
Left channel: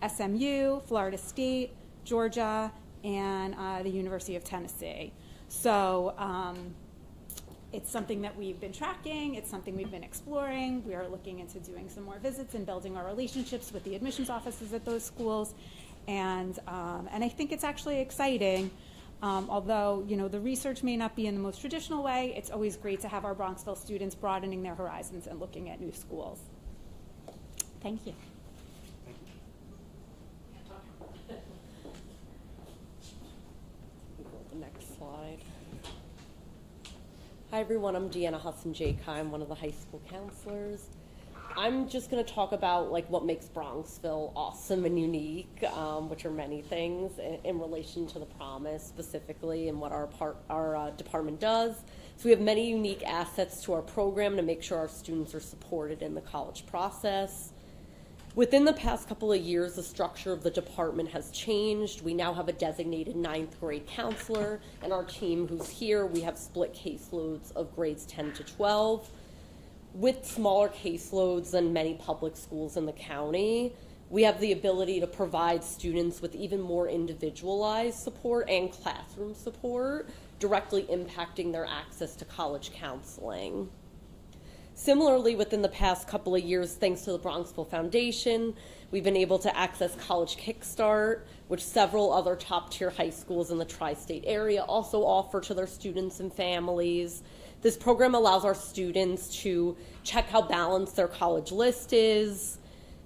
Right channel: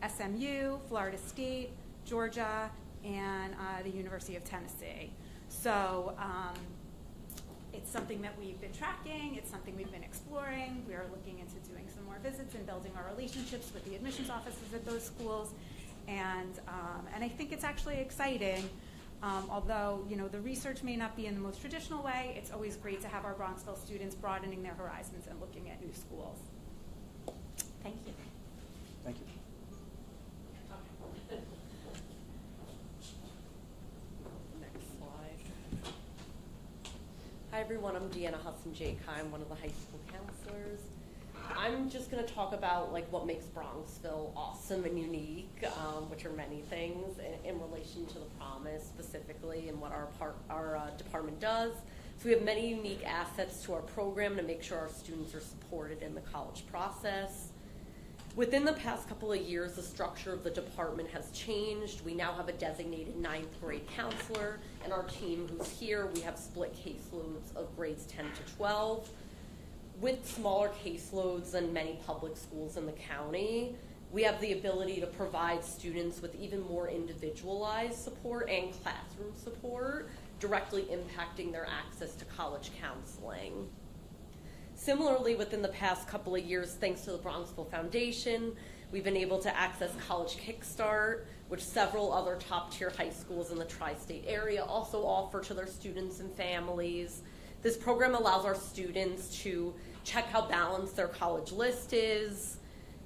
SMU, Florida State, Georgia, and the University of Tennessee. So it's something that we've been tracking. It's something we've been exploring. We are looking into doing some more visits and building our relationships with the admissions offices at those schools. And I think it's actually exciting. Although, the research may not be in the most traditional way, it's always great to have our Bronxville students broadening their horizons and looking at new schools. Thank you. Thank you. The next slide. Hi everyone, I'm Deanna Hudson-Jake. I'm one of the high school counselors. I'm just going to talk about what makes Bronxville awesome and unique, which are many things in relation to the Promise specifically and what our department does. So we have many unique assets to our program to make sure our students are supported in the college process. Within the past couple of years, the structure of the department has changed. We now have a designated 9th grade counselor, and our team who's here, we have split caseloads of grades 10 to 12. With smaller caseloads than many public schools in the county, we have the ability to provide students with even more individualized support and classroom support, directly impacting their access to college counseling. Similarly, within the past couple of years, thanks to the Bronxville Foundation, we've been able to access College Kickstart, which several other top-tier high schools in the tri-state area also offer to their students and families. This program allows our students to check how balanced their college list is.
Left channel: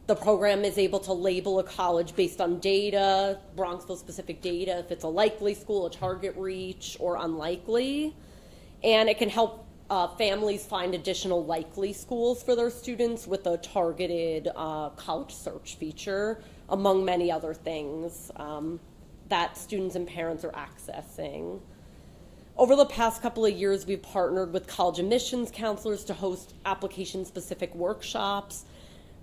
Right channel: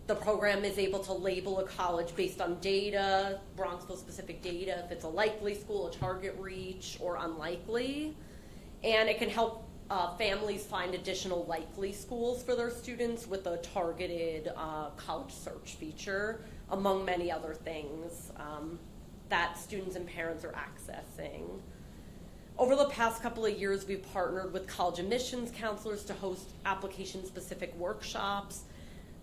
The program is able to label a college based on data, Bronxville-specific data, if it's a likely school, a target reach, or unlikely. And it can help families find additional likely schools for their students with a targeted college search feature, among many other things that students and parents are accessing. Over the past couple of years, we've partnered with college admissions counselors to host application-specific workshops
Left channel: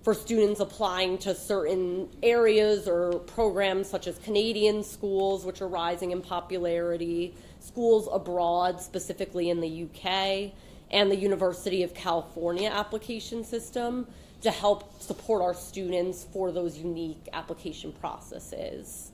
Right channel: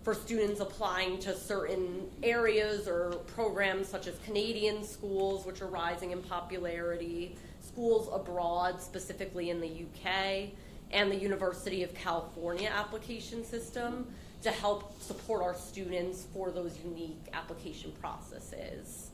for students applying to certain areas or programs such as Canadian schools, which are rising in popularity, schools abroad, specifically in the UK, and the University of California application system to help support our students for those unique application processes.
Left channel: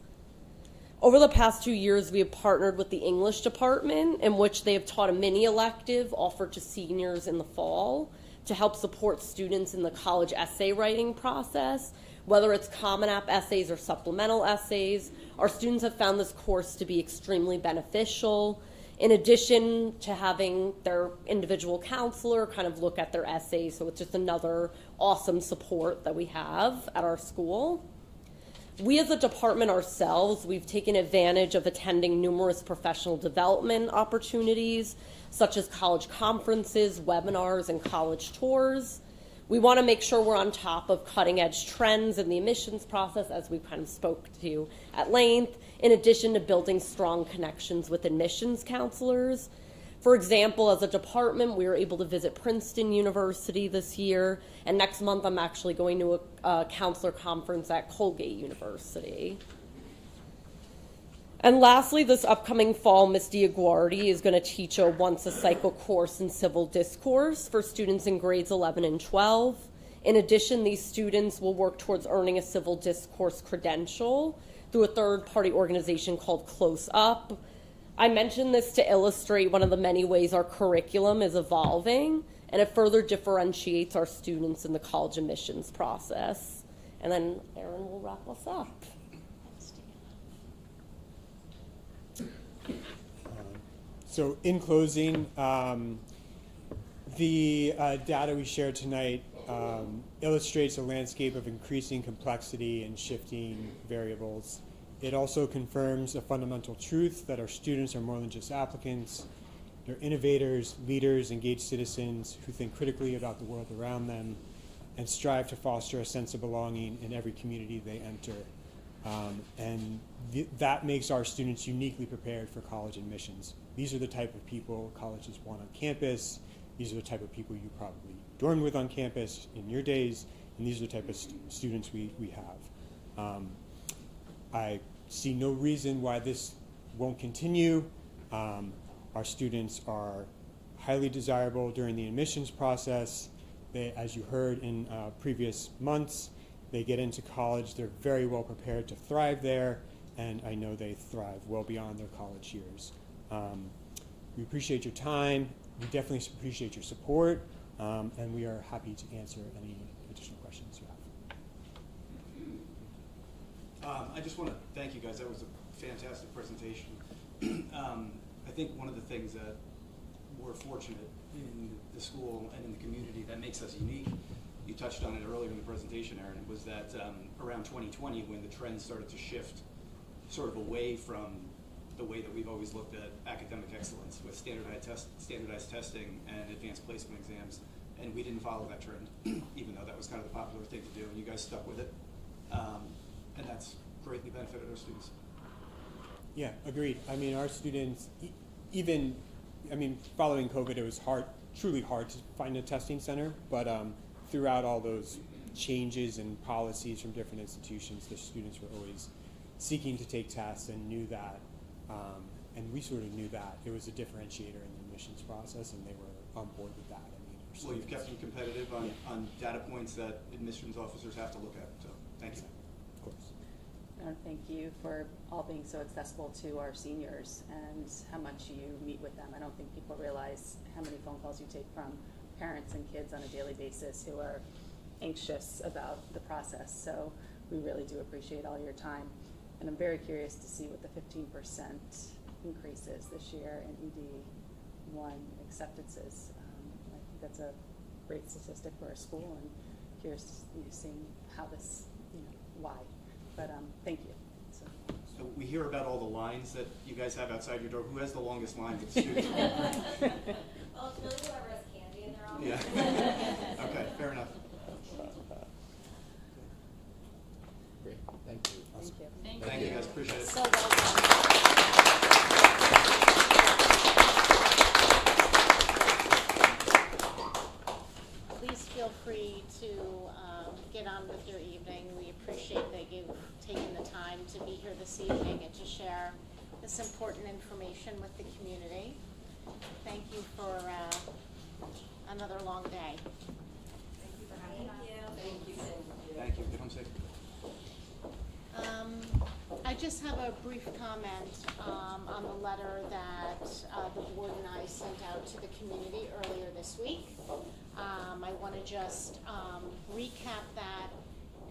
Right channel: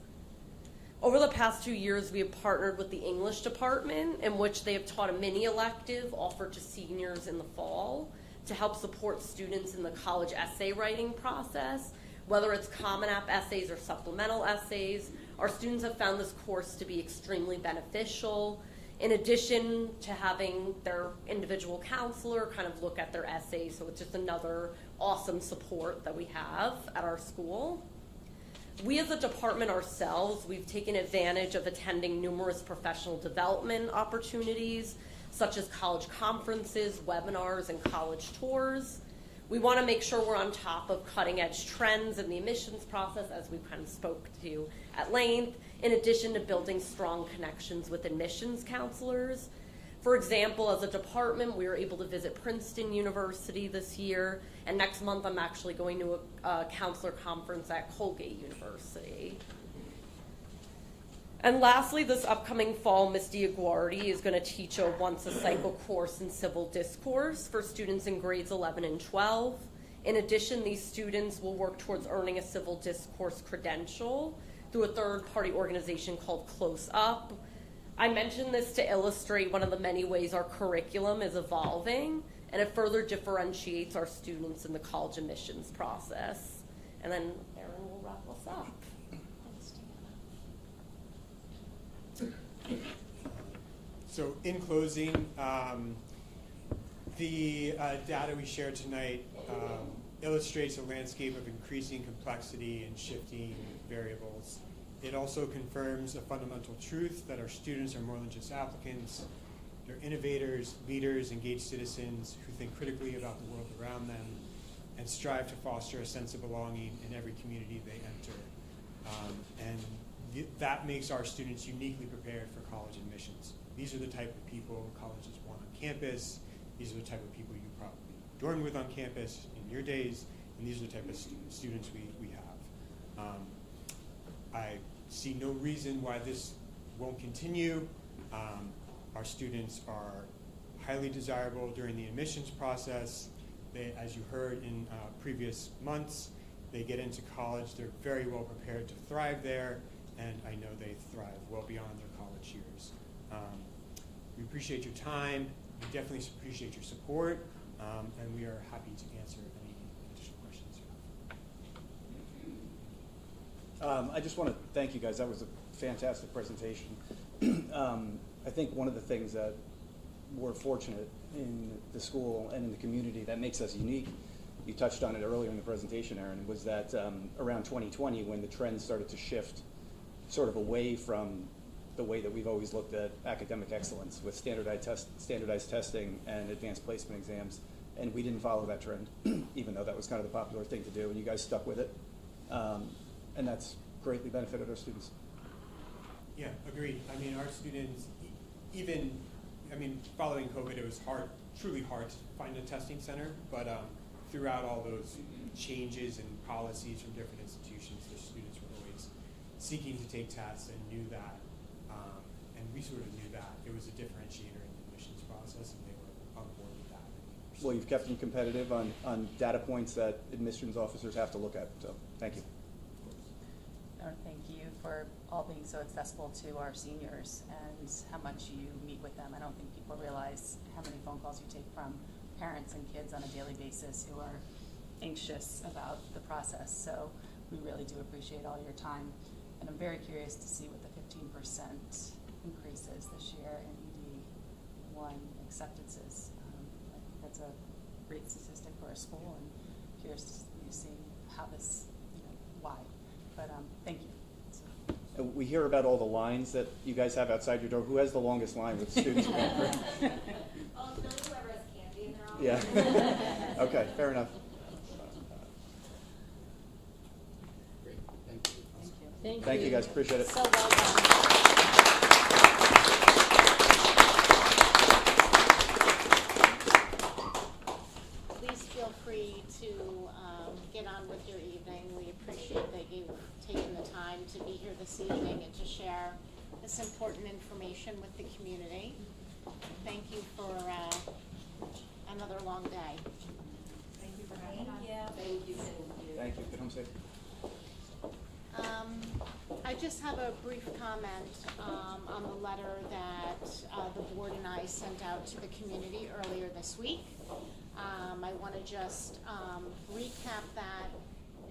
Over the past 2 years, we have partnered with the English department, in which they have taught a mini elective offered to seniors in the fall to help support students in the college essay writing process, whether it's Common App essays or supplemental essays. Our students have found this course to be extremely beneficial. In addition to having their individual counselor kind of look at their essays, so it's just another awesome support that we have at our school. We as a department ourselves, we've taken advantage of attending numerous professional development opportunities, such as college conferences, webinars, and college tours. We want to make sure we're on top of cutting edge trends in the admissions process, as we kind of spoke to at length, in addition to building strong connections with admissions counselors. For example, as a department, we were able to visit Princeton University this year, and next month I'm actually going to a counselor conference at Colgate University. And lastly, this upcoming fall, Ms. Diaguardi is going to teach a once-a-cycle course in civil discourse for students in grades 11 and 12. In addition, these students will work towards earning a civil discourse credential through a third-party organization called Close Up. I mentioned this to illustrate one of the many ways our curriculum is evolving, and it further differentiates our students in the college admissions process. And then Erin will wrap us up. So in closing, the data we shared tonight illustrates a landscape of increasing complexity and shifting variables. It also confirms a fundamental truth that our students are more than just applicants. They're innovators, leaders, engaged citizens who think critically about the world around them and strive to foster a sense of belonging in every community they enter. That makes our students uniquely prepared for college admissions. These are the type of people colleges want on campus. These are the type of people you probably dormed with on campus in your days, and these are the type of students we have. I see no reason why this won't continue. Our students are highly desirable during the admissions process. They, as you heard in previous months, they get into college, they're very well prepared to thrive there, and I know they thrive well beyond their college years. We appreciate your time. We definitely appreciate your support, and we are happy to answer any additional questions you have. I just want to thank you guys. That was a fantastic presentation. I think one of the things that we're fortunate in the school and in the community that makes us unique, you touched on it earlier in the presentation, Erin, was that around 2020, when the trends started to shift sort of away from the way that we've always looked at academic excellence with standardized testing and advanced placement exams, and we didn't follow that trend, even though that was kind of the popular thing to do, and you guys stuck with it, and that's greatly benefited our students. Yeah, agreed. I mean, our students, following COVID, it was truly hard to find a testing center, but throughout all those changes and policies from different institutions, the students were always seeking to take tests and knew that, and we sort of knew that it was a differentiator in the admissions process, and they were on board with that. Well, you've kept them competitive on data points that admissions officers have to look at, so thank you. Of course. Thank you for all being so accessible to our seniors and how much you meet with them. I don't think people realize how many phone calls you take from parents and kids on a daily basis who are anxious about the process. So we really do appreciate all your time. And I'm very curious to see what the 15% increase is this year in ED1 acceptances. I think that's a great statistic for our school, and curious to see how this, why. But thank you. We hear about all the lines that you guys have outside your door. Who has the longest line with students? Well, those whoever has candy in their own. Yeah. Okay, fair enough. Great, thank you. Thank you guys, appreciate it. So well done. Please feel free to get on with your evening. We appreciate that you've taken the time to be here this evening and to share this important information with the community. Thank you for another long day. Thank you for having us. Thank you. Thank you. Come safe. I just have a brief comment on the letter that the board and I sent out to the community earlier this week. I want to just recap that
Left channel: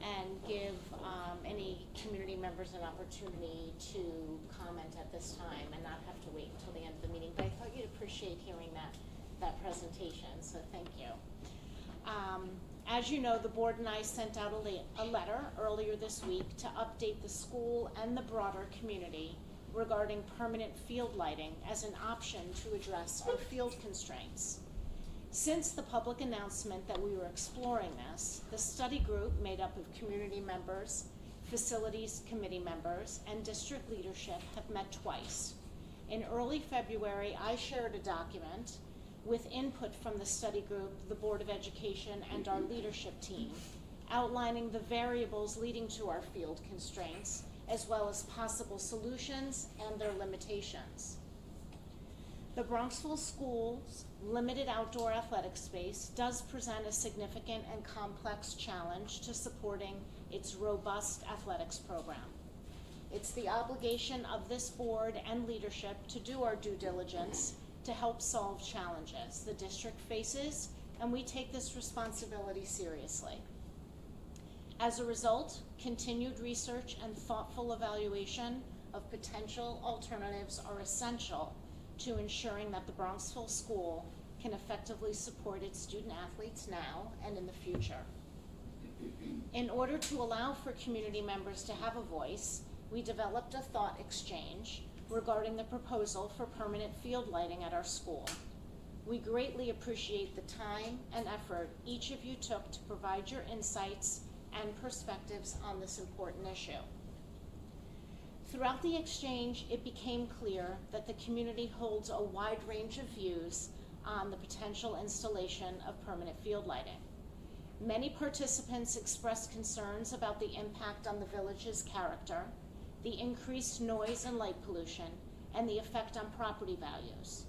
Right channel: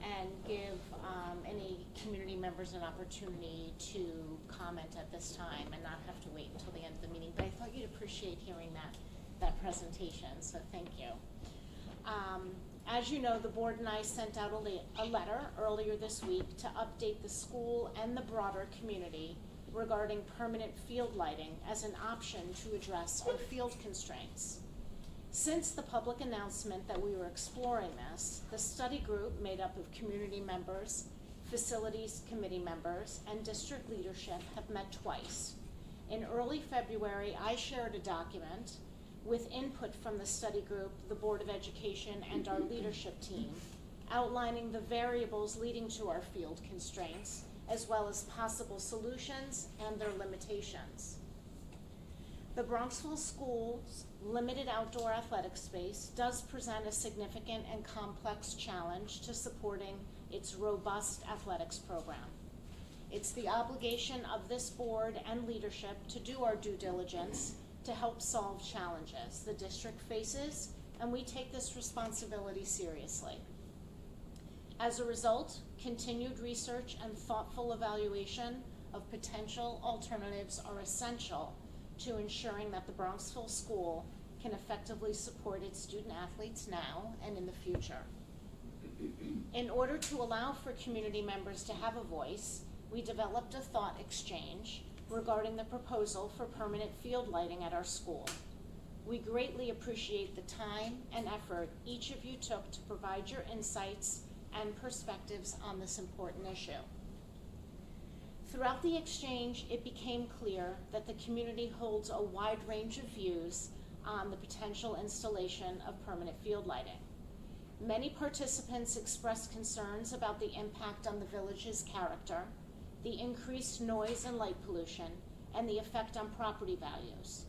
and give any community members an opportunity to comment at this time and not have to wait until the end of the meeting. But I thought you'd appreciate hearing that presentation, so thank you. As you know, the board and I sent out a letter earlier this week to update the school and the broader community regarding permanent field lighting as an option to address our field constraints. Since the public announcement that we were exploring this, the study group made up of community members, facilities committee members, and district leadership have met twice. In early February, I shared a document with input from the study group, the Board of Education, and our leadership team, outlining the variables leading to our field constraints, as well as possible solutions and their limitations. The Bronxville Schools' limited outdoor athletic space does present a significant and complex challenge to supporting its robust athletics program. It's the obligation of this board and leadership to do our due diligence to help solve challenges the district faces, and we take this responsibility seriously. As a result, continued research and thoughtful evaluation of potential alternatives are essential to ensuring that the Bronxville School can effectively support its student athletes now and in the future. In order to allow for community members to have a voice, we developed a thought exchange regarding the proposal for permanent field lighting at our school. We greatly appreciate the time and effort each of you took to provide your insights and perspectives on this important issue. Throughout the exchange, it became clear that the community holds a wide range of views on the potential installation of permanent field lighting. Many participants expressed concerns about the impact on the village's character, the increased noise and light pollution, and the effect on property values.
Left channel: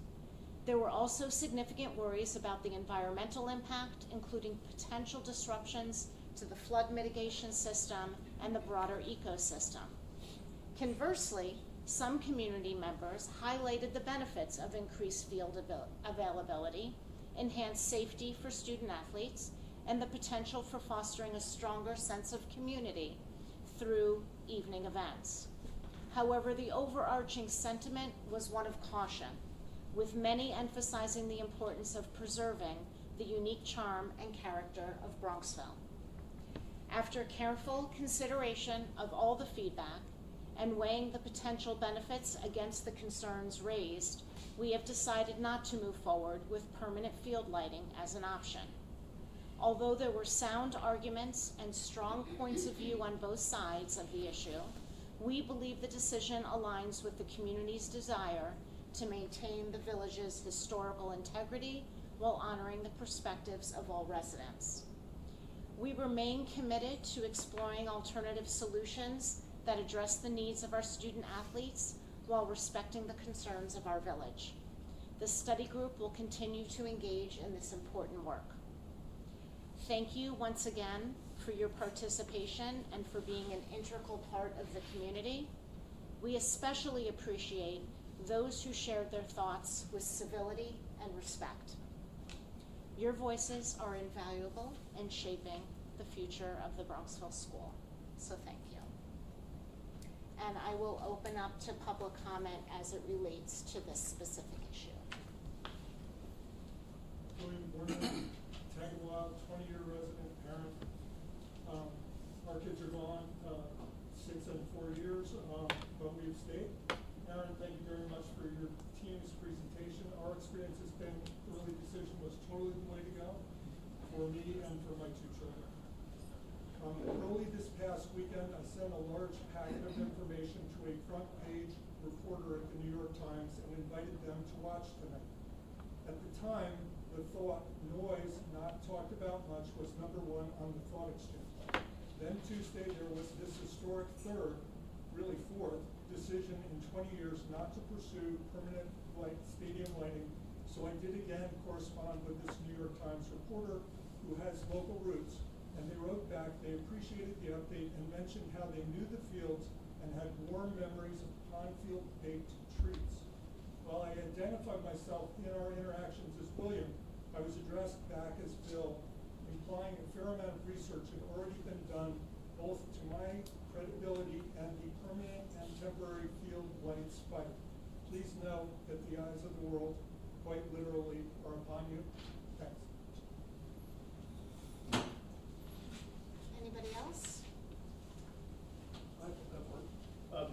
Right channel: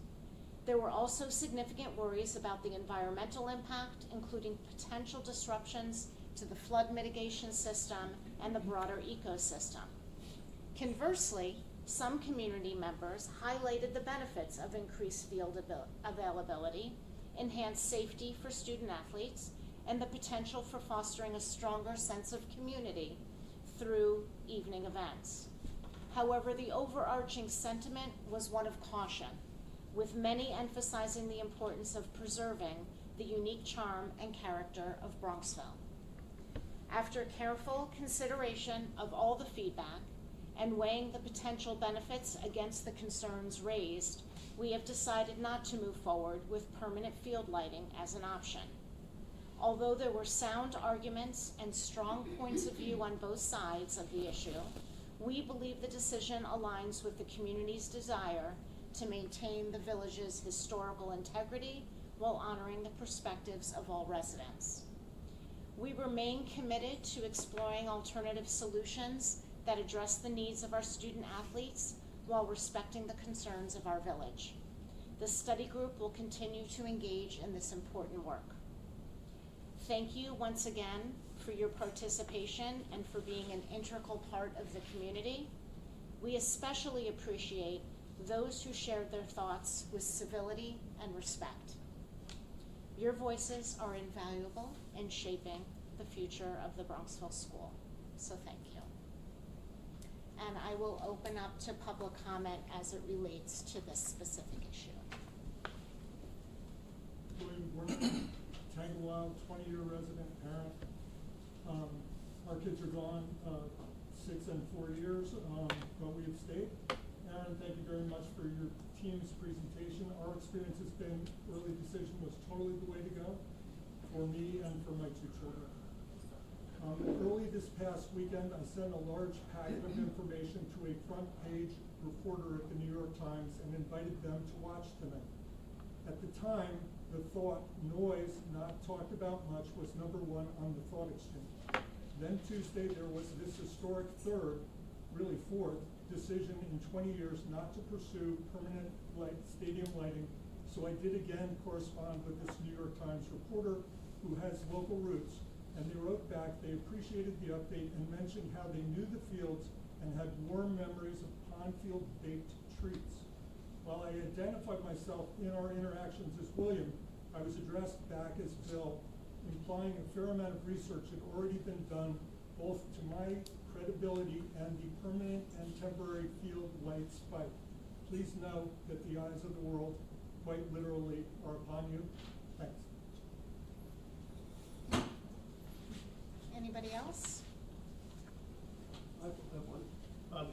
There were also significant worries about the environmental impact, including potential disruptions to the flood mitigation system and the broader ecosystem. Conversely, some community members highlighted the benefits of increased field availability, enhanced safety for student athletes, and the potential for fostering a stronger sense of community through evening events. However, the overarching sentiment was one of caution, with many emphasizing the importance of preserving the unique charm and character of Bronxville. After careful consideration of all the feedback and weighing the potential benefits against the concerns raised, we have decided not to move forward with permanent field lighting as an option. Although there were sound arguments and strong points of view on both sides of the issue, we believe the decision aligns with the community's desire to maintain the village's historical integrity while honoring the perspectives of all residents. We remain committed to exploring alternative solutions that address the needs of our student athletes while respecting the concerns of our village. The study group will continue to engage in this important work. Thank you once again for your participation and for being an integral part of the community. We especially appreciate those who shared their thoughts with civility and respect. Your voices are invaluable in shaping the future of the Bronxville School, so thank you. And I will open up to public comment as it relates to this specific issue. Tagalog, 20-year resident parent. Our kids are gone 6 and 4 years, but we have stayed. Aaron, thank you very much for your team's presentation. Our experience has been early decision was totally the way to go for me and for my 2 children. Early this past weekend, I sent a large packet of information to a front-page reporter at the New York Times and invited them to watch tonight. At the time, the thought, noise, not talked about much, was #1 on the thought exchange. Then Tuesday, there was this historic third, really fourth, decision in 20 years not to pursue permanent stadium lighting. So I did again correspond with this New York Times reporter who has local roots. And they wrote back, they appreciated the update and mentioned how they knew the fields and had warm memories of pond-field baked treats. While I identified myself in our interactions as William, I was addressed back as Bill, implying a fair amount of research had already been done both to my credibility and the permanent and temporary field light spike. Please know that the eyes of the world, quite literally, are upon you. Thanks. Anybody else?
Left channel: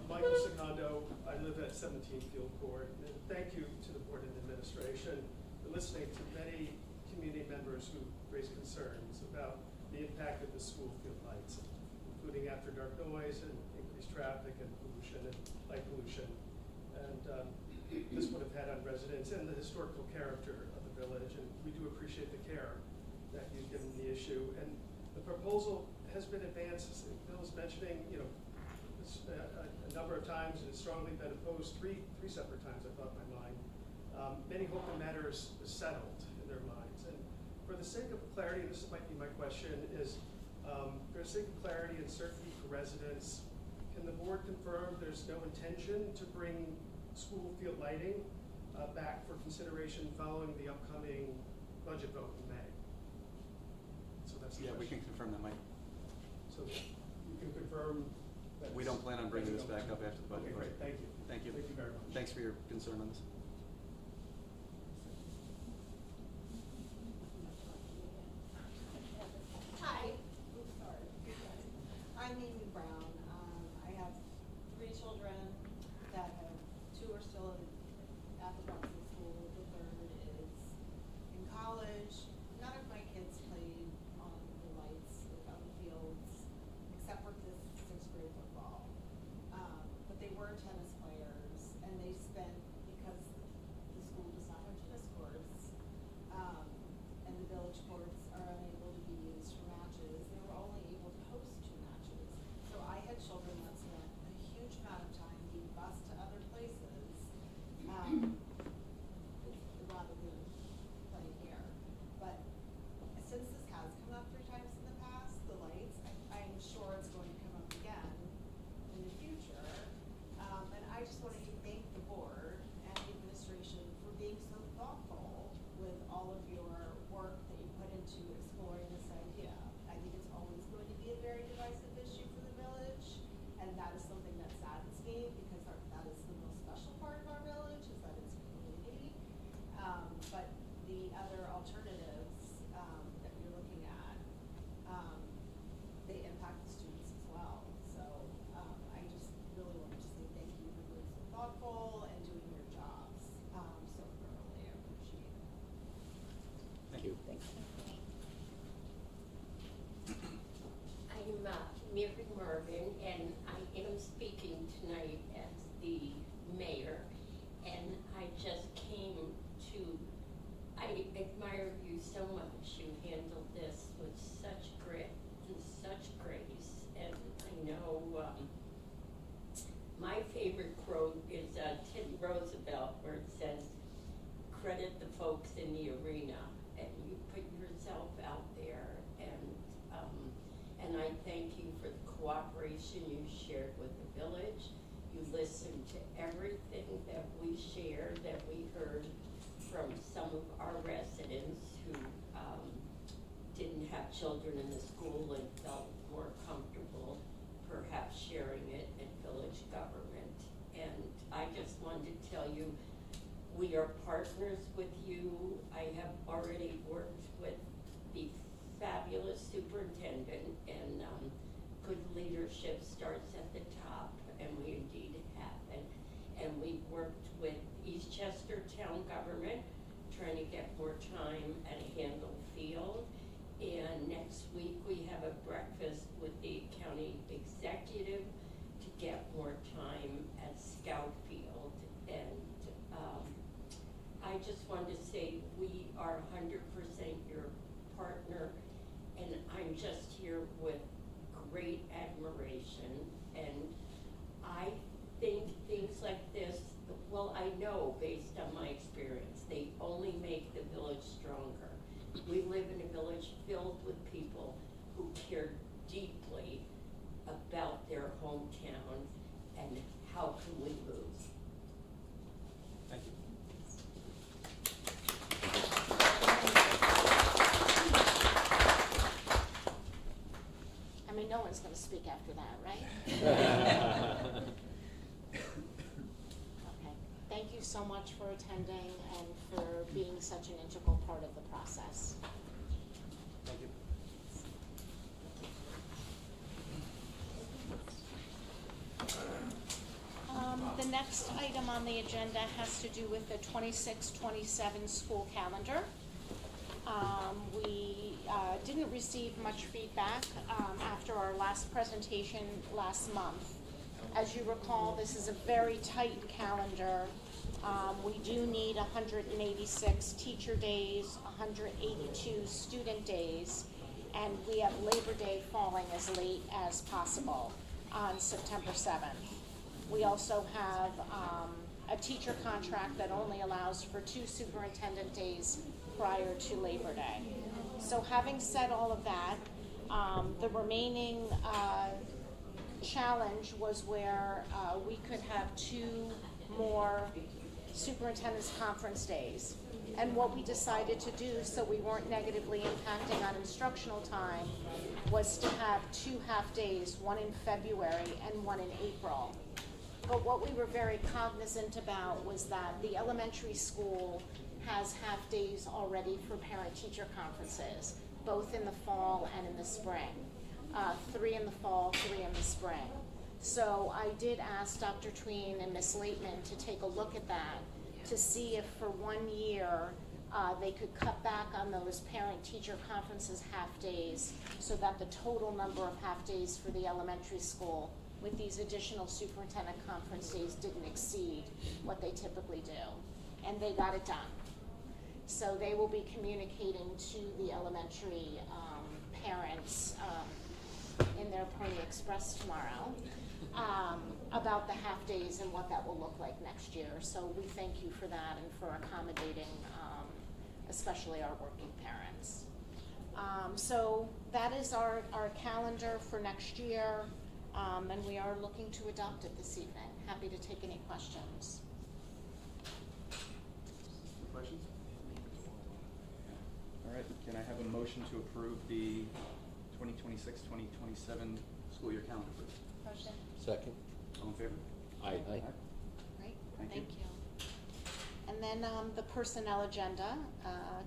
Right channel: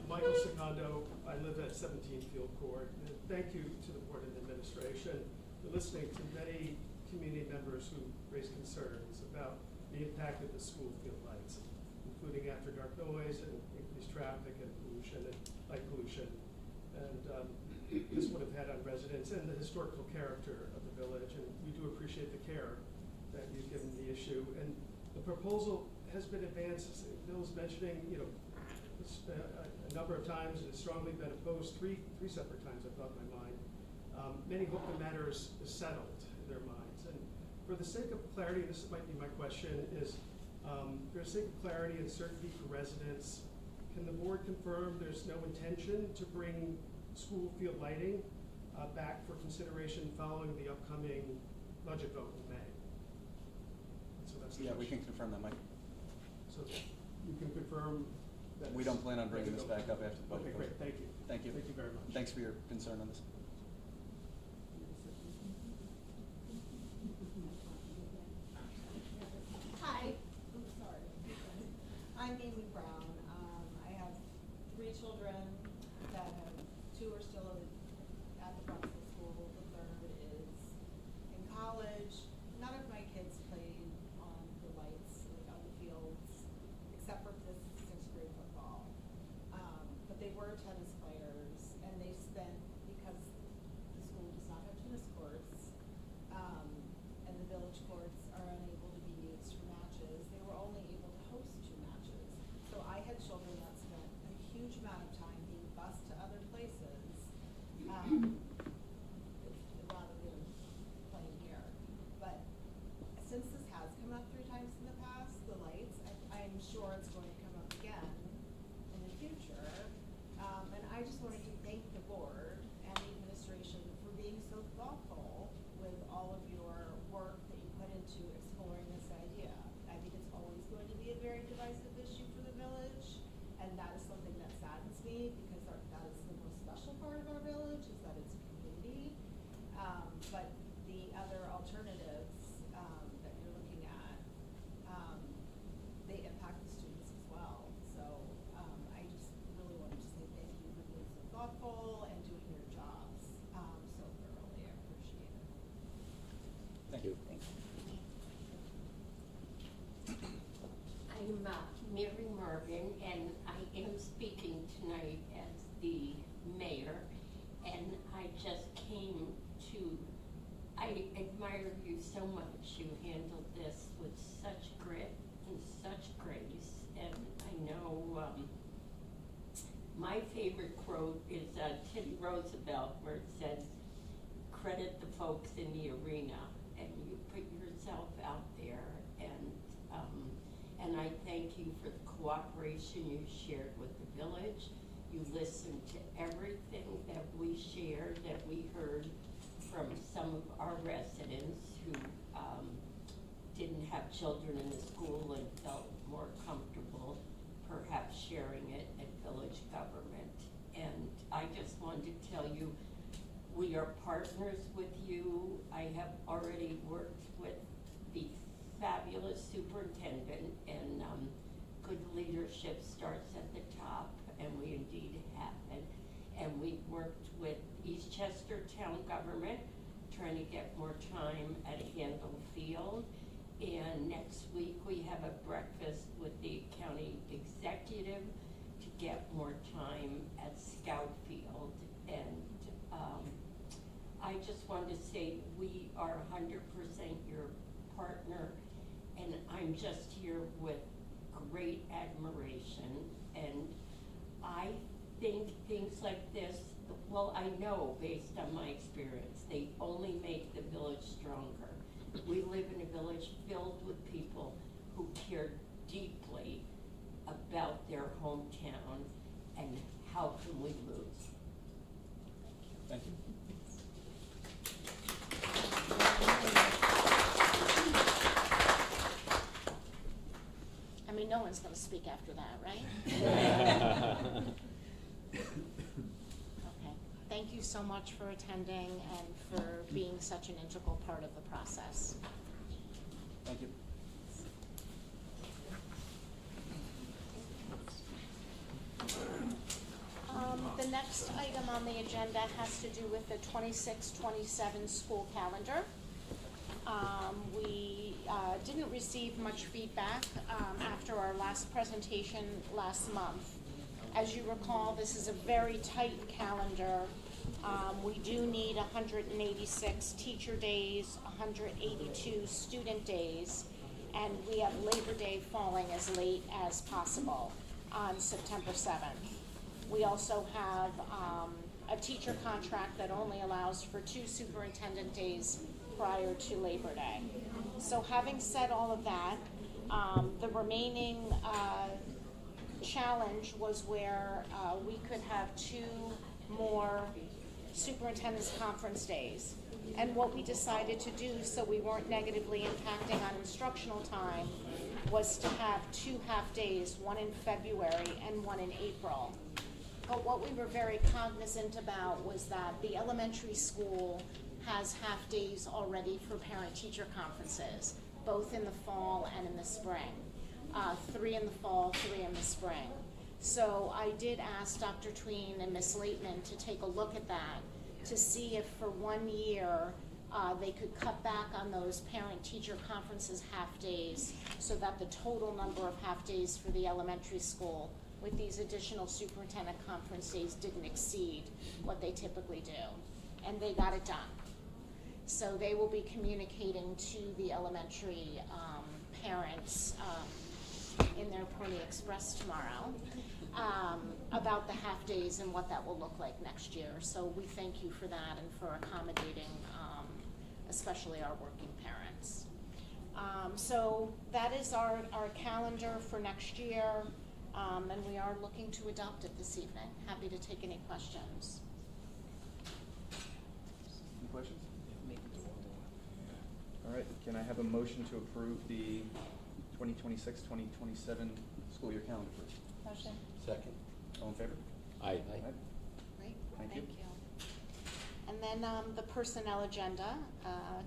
Michael Secondo, I live at 17 Field Court. And thank you to the board and administration for listening to many community members who raised concerns about the impact of the school field lights, including after dark noise and increased traffic and pollution and light pollution. And this would have had on residents and the historical character of the village. And we do appreciate the care that you've given the issue. And the proposal has been advanced, as Bill was mentioning, this, a number of times, and it's strongly been opposed three separate times, I thought in my mind. Many hope the matter is settled in their minds. And for the sake of clarity, this might be my question, is for the sake of clarity and certainty for residents, Can the board confirm there's no intention to bring school field lighting back for consideration following the upcoming budget vote in May? So that's the Yeah, we question. can confirm that, Mike. So you can confirm that We don't plan on bringing this back up after the budget. Okay, great, thank you. Thank you. Thank you very much. Thanks for your concern on this. Hi. I'm Amy Brown. I have 3 children that have 2 are still at the Bronxville school. The third is in college. None of my kids played on the lights on the fields, except for this 6th grade football. But they were tennis players, and they spent, because the school does not have tennis courts, and the village courts are unable to be used for matches, they were only able to host 2 matches. So I had children that spent a huge amount of time being bused to other places, rather than playing here. But since this has come up 3 times in the past, the lights, I'm sure it's going to come up again in the future. And I just wanted to thank the board and the administration for being so thoughtful with all of your work that you put into exploring this idea. I think it's always going to be a very divisive issue for the village, and that is something that saddens me, because that is the most special part of our village, is that it's a community. But the other alternatives that you're looking at, they impact the students as well. So I just really wanted to say thank you for being so thoughtful and doing your jobs so thoroughly. I appreciate it. Thank you. I'm Mary Marvin, and I am speaking tonight as the mayor, and I just came to, I admire you so much. You handled this with such grit and such grace, and I know my favorite quote is Teddy Roosevelt, where it says, credit the folks in the arena, and you put yourself out there, and I thank you for the cooperation you shared with the village. You listened to everything that we shared, that we heard from some of our residents who didn't have children in the school and felt more comfortable perhaps sharing it in village government. And I just wanted to tell you, we are partners with you. I have already worked with the fabulous superintendent, and good leadership starts at the top, and we indeed have it. And we've worked with Eastchester Town Government, trying to get more time at Handle Field. And next week we have a breakfast with the county executive to get more time at Scout Field. And I just wanted to say we are 100% your partner, and I'm just here with great admiration. And I think things like this, well, I know based on my experience, they only make the village stronger. We live in a village filled with people who care deeply about their hometown, and how can we lose? Thank you. I mean, no one's going to speak after that, right? Okay. Thank you so much for attending and for being such an integral part of the process. Thank you. The next item on the agenda has to do with the 26-27 school calendar. We didn't receive much feedback after our last presentation last month. As you recall, this is a very tight calendar. We do need 186 teacher days, 182 student days, and we have Labor Day falling as late as possible on September 7th. We also have a teacher contract that only allows for 2 superintendent days prior to Labor Day. So having said all of that, the remaining challenge was where we could have 2 more superintendent's conference days. And what we decided to do, so we weren't negatively impacting on instructional time, was to have 2 half-days, one in February and one in April. But what we were very cognizant about was that the elementary school has half-days already for parent-teacher conferences, both in the fall and in the spring. 3 in the fall, 3 in the spring. So I did ask Dr. Tween and Ms. Laitman to take a look at that to see if for 1 year they could cut back on those parent-teacher conferences half-days so that the total number of half-days for the elementary school with these additional superintendent conference days didn't exceed what they typically do. And they got it done. So they will be communicating to the elementary parents in their Pony Express tomorrow about the half-days and what that will look like next year. So we thank you for that and for accommodating especially our working parents. So that is our calendar for next year, and we are looking to adopt it this evening. Happy to take any questions. Any questions? All right, can I have a motion to approve the 2026-2027 school year calendar, please? Motion. Second. All in favor? Aye. Great, Thank thank you. you. And then the personnel agenda,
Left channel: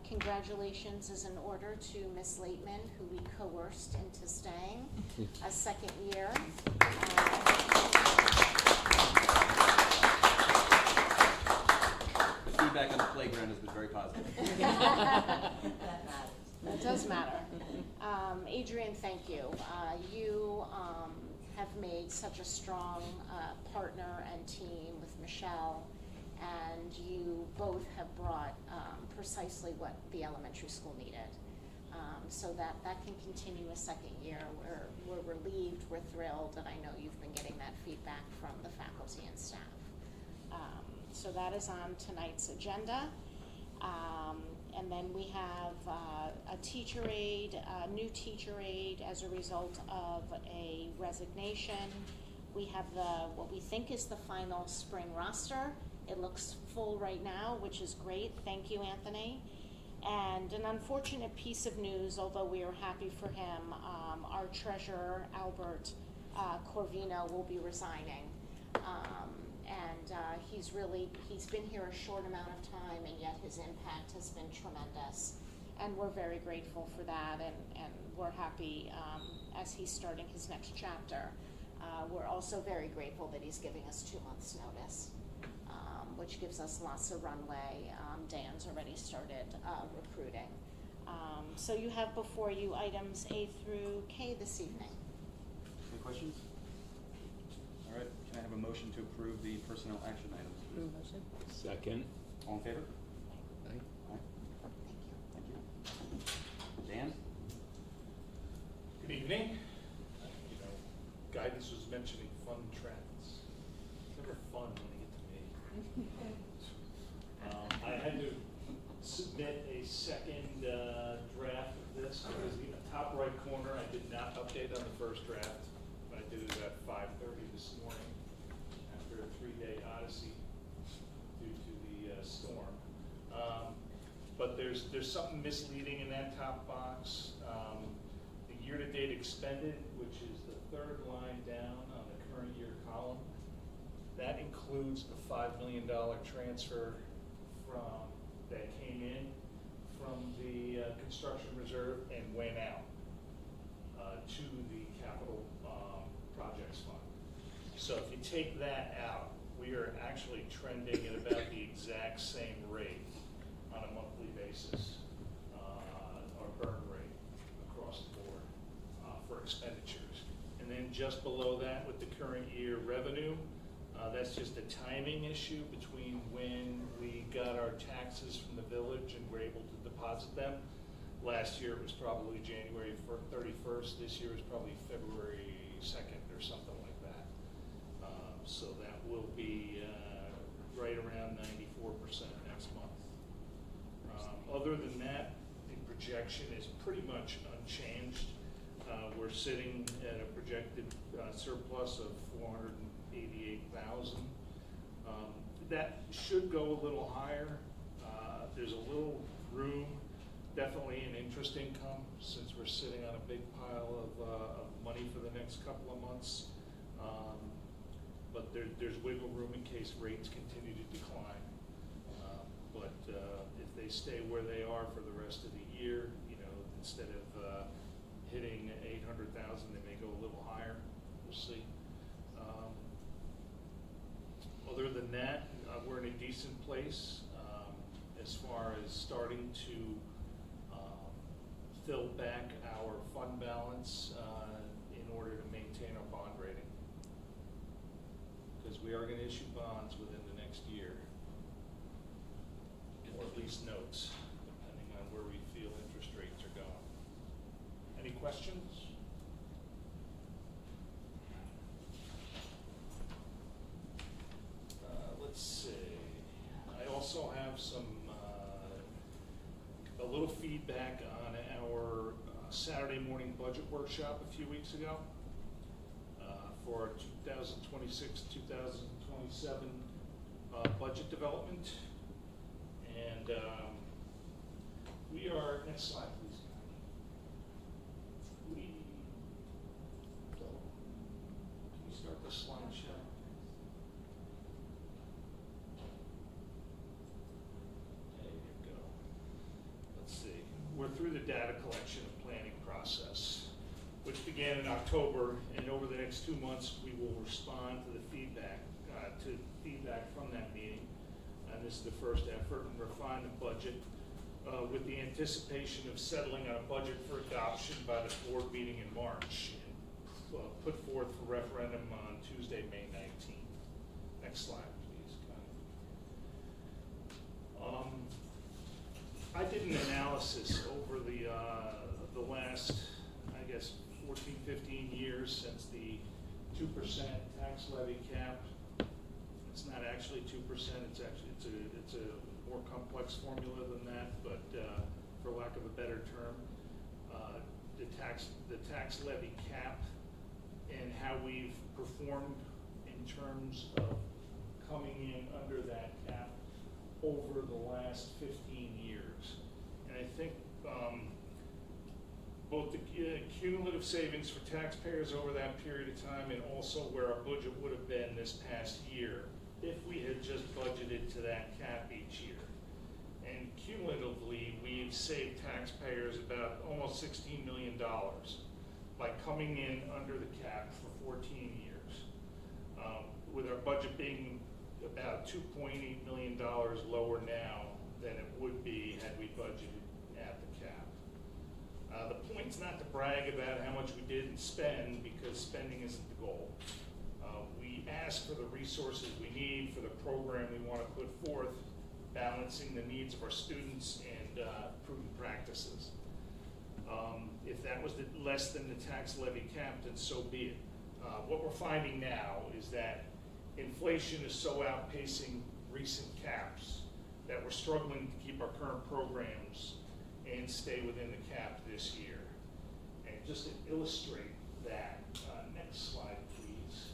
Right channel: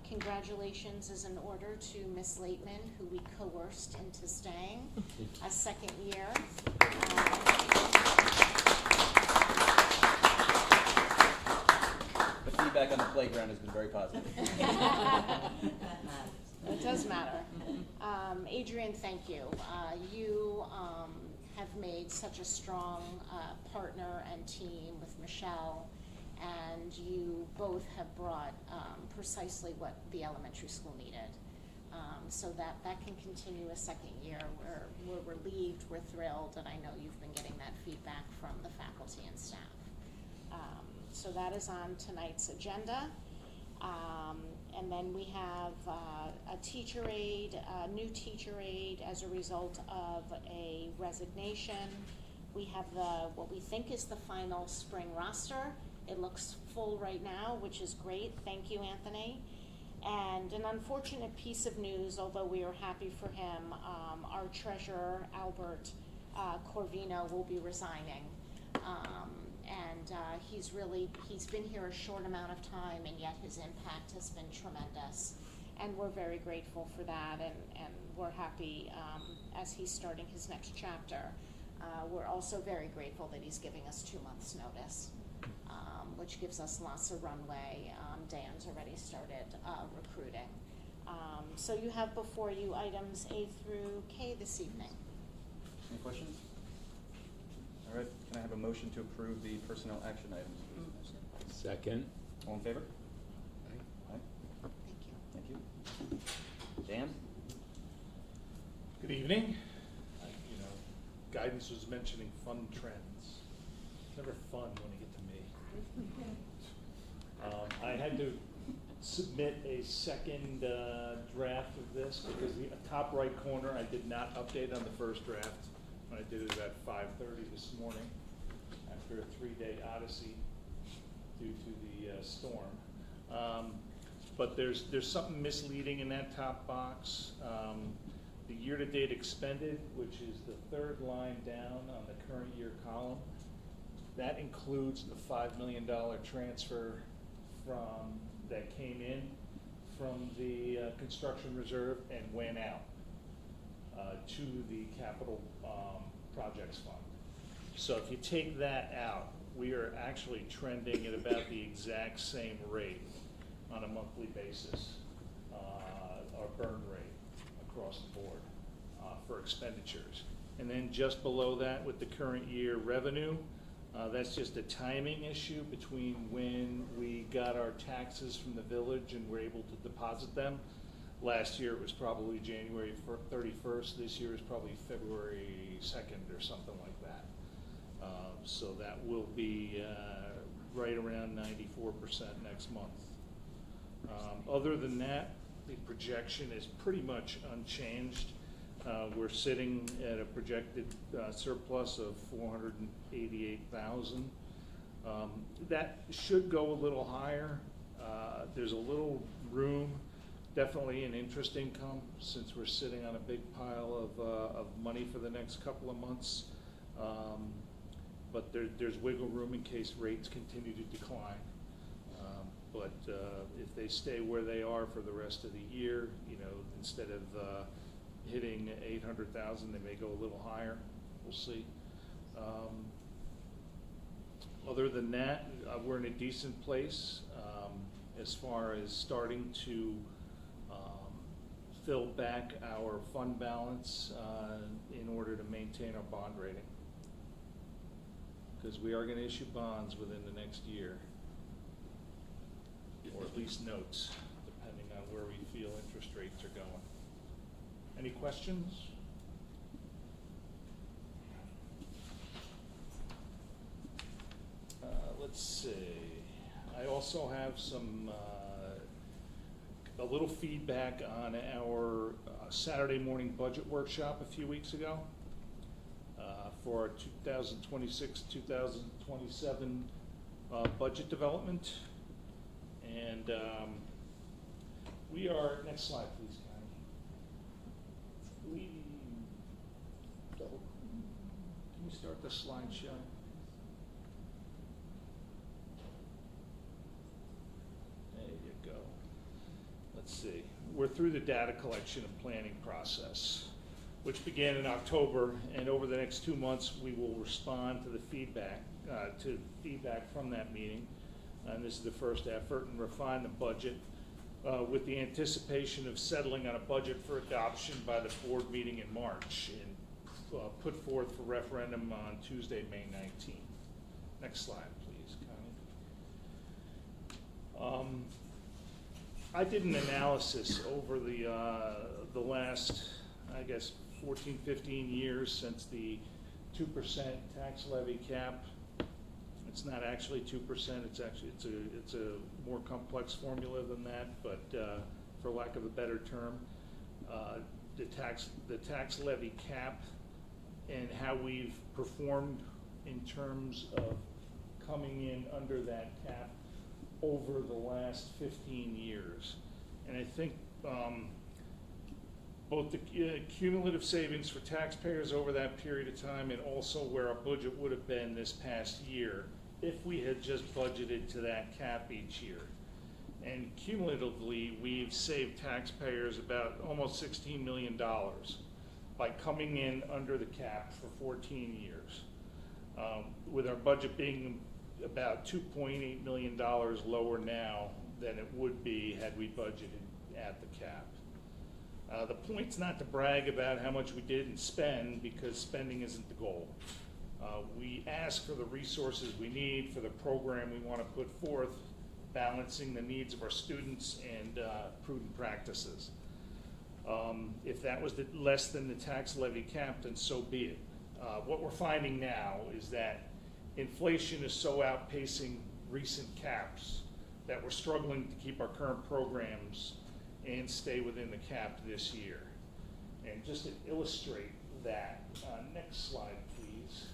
congratulations is in order to Ms. Laitman, who we coerced into staying a second year. The feedback on the playground has been very positive. It does matter. Adrian, thank you. You have made such a strong partner and team with Michelle, and you both have brought precisely what the elementary school needed. So that can continue a second year. We're relieved, we're thrilled, and I know you've been getting that feedback from the faculty and staff. So that is on tonight's agenda. And then we have a teacher aide, a new teacher aide as a result of a resignation. We have what we think is the final spring roster. It looks full right now, which is great. Thank you, Anthony. And an unfortunate piece of news, although we are happy for him, our treasurer, Albert Corvino, will be resigning. He's been here a short amount of time, and yet his impact has been tremendous. And we're very grateful for that, and we're happy as he's starting his next chapter. We're also very grateful that he's giving us 2 months' notice, which gives us lots of runway. Dan's already started recruiting. So you have before you items A through K this evening. Any questions? All right, can I have a motion to approve the personnel action items? Second. All in favor? Aye. Thank you. Dan? Good evening. Guidance was mentioning fun trends. It's never fun when you get to me. I had to submit a second draft of this because in the top right corner I did not update on the first draft. I did it at 5:30 this morning after a 3-day odyssey due to the storm. But there's something misleading in that top box. The year-to-date expended, which is the third line down on the current year column, that includes the $5 million transfer that came in from the construction reserve and went out to the capital projects fund. So if you take that out, we are actually trending at about the exact same rate on a monthly basis, our burn rate across the board for expenditures. And then just below that with the current year revenue, that's just a timing issue between when we got our taxes from the village and were able to deposit them. Last year it was probably January 31st. This year is probably February 2nd or something like that. So that will be right around 94% next month. Other than that, the projection is pretty much unchanged. We're sitting at a projected surplus of $488,000. That should go a little higher. There's a little room, definitely in interest income, since we're sitting on a big pile of money for the next couple of months. But there's wiggle room in case rates continue to decline. But if they stay where they are for the rest of the year, instead of hitting 800,000, they may go a little higher. We'll see. Other than that, we're in a decent place as far as starting to fill back our fund balance in order to maintain our bond rating. Because we are going to issue bonds within the next year, or at least notes, depending on where we feel interest rates are going. Any questions? Let's see. I also have a little feedback on our Saturday morning budget workshop a few weeks ago for 2026-2027 budget development. And we are, next slide please. Can we start the slideshow? There you go. Let's see. We're through the data collection and planning process, which began in October, and over the next 2 months we will respond to the feedback from that meeting. And this is the first effort, and refine the budget with the anticipation of settling on a budget for adoption by the board meeting in March, and put forth for referendum on Tuesday, May 19th. Next slide, please, Connie. I did an analysis over the last, I guess, 14, 15 years since the 2% tax levy cap. It's not actually 2%. It's a more complex formula than that. But for lack of a better term, the tax levy cap and how we've performed in terms of coming in under that cap over the last 15 years, and I think both the cumulative savings for taxpayers over that period of time, and also where our budget would have been this past year if we had just budgeted to that cap each year. And cumulatively, we've saved taxpayers about almost $16 million by coming in under the cap for 14 years, with our budget being about $2.8 million lower now than it would be had we budgeted at the cap. The point's not to brag about how much we didn't spend, because spending isn't the goal. We ask for the resources we need for the program we want to put forth, balancing the needs of our students and prudent practices. If that was less than the tax levy cap, then so be it. What we're finding now is that inflation is so outpacing recent caps that we're struggling to keep our current programs and stay within the cap this year. And just to illustrate that, next slide, please.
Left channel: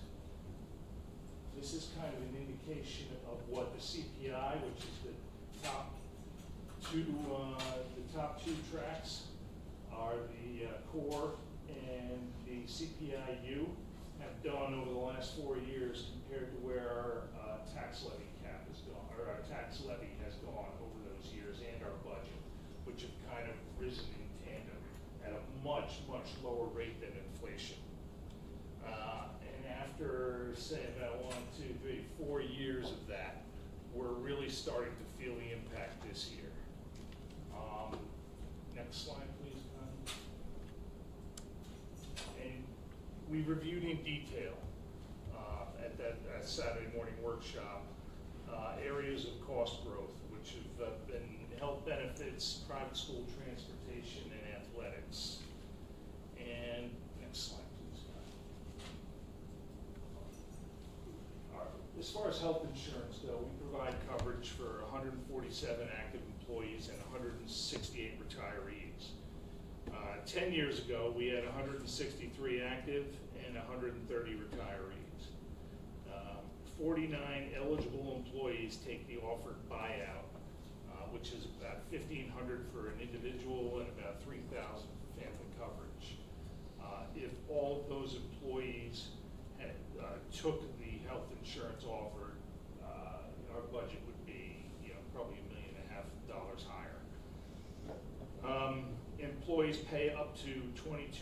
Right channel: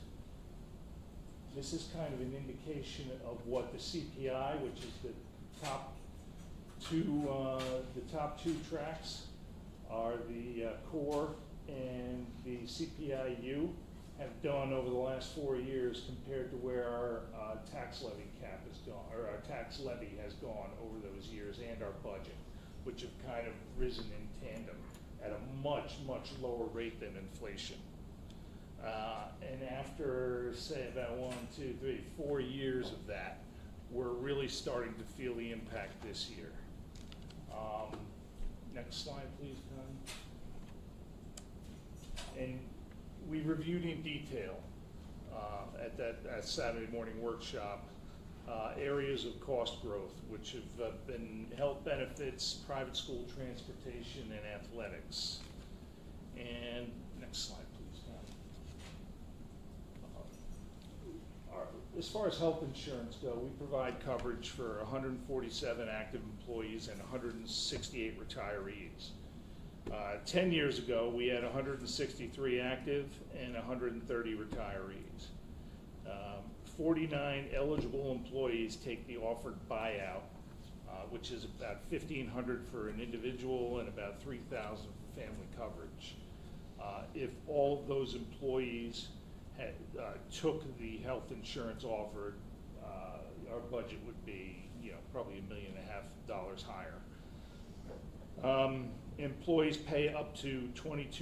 This is kind of an indication of what the CPI, which is the top two tracks, are the core and the CPI-U, have done over the last 4 years compared to where our tax levy cap has gone, or our tax levy has gone over those years, and our budget, which have kind of risen in tandem at a much, much lower rate than inflation. And after, say, about 1, 2, 3, 4 years of that, we're really starting to feel the impact this year. Next slide, please, Connie. And we reviewed in detail at that Saturday morning workshop areas of cost growth, which have been health benefits, private school transportation, and athletics. And next slide, please. As far as health insurance go, we provide coverage for 147 active employees and 168 retirees. 10 years ago, we had 163 active and 130 retirees. 49 eligible employees take the offered buyout, which is about $1,500 for an individual and about $3,000 for family coverage. If all of those employees had, took the health insurance offered, our budget would be, probably $1.5 million higher. Employees pay up to 22%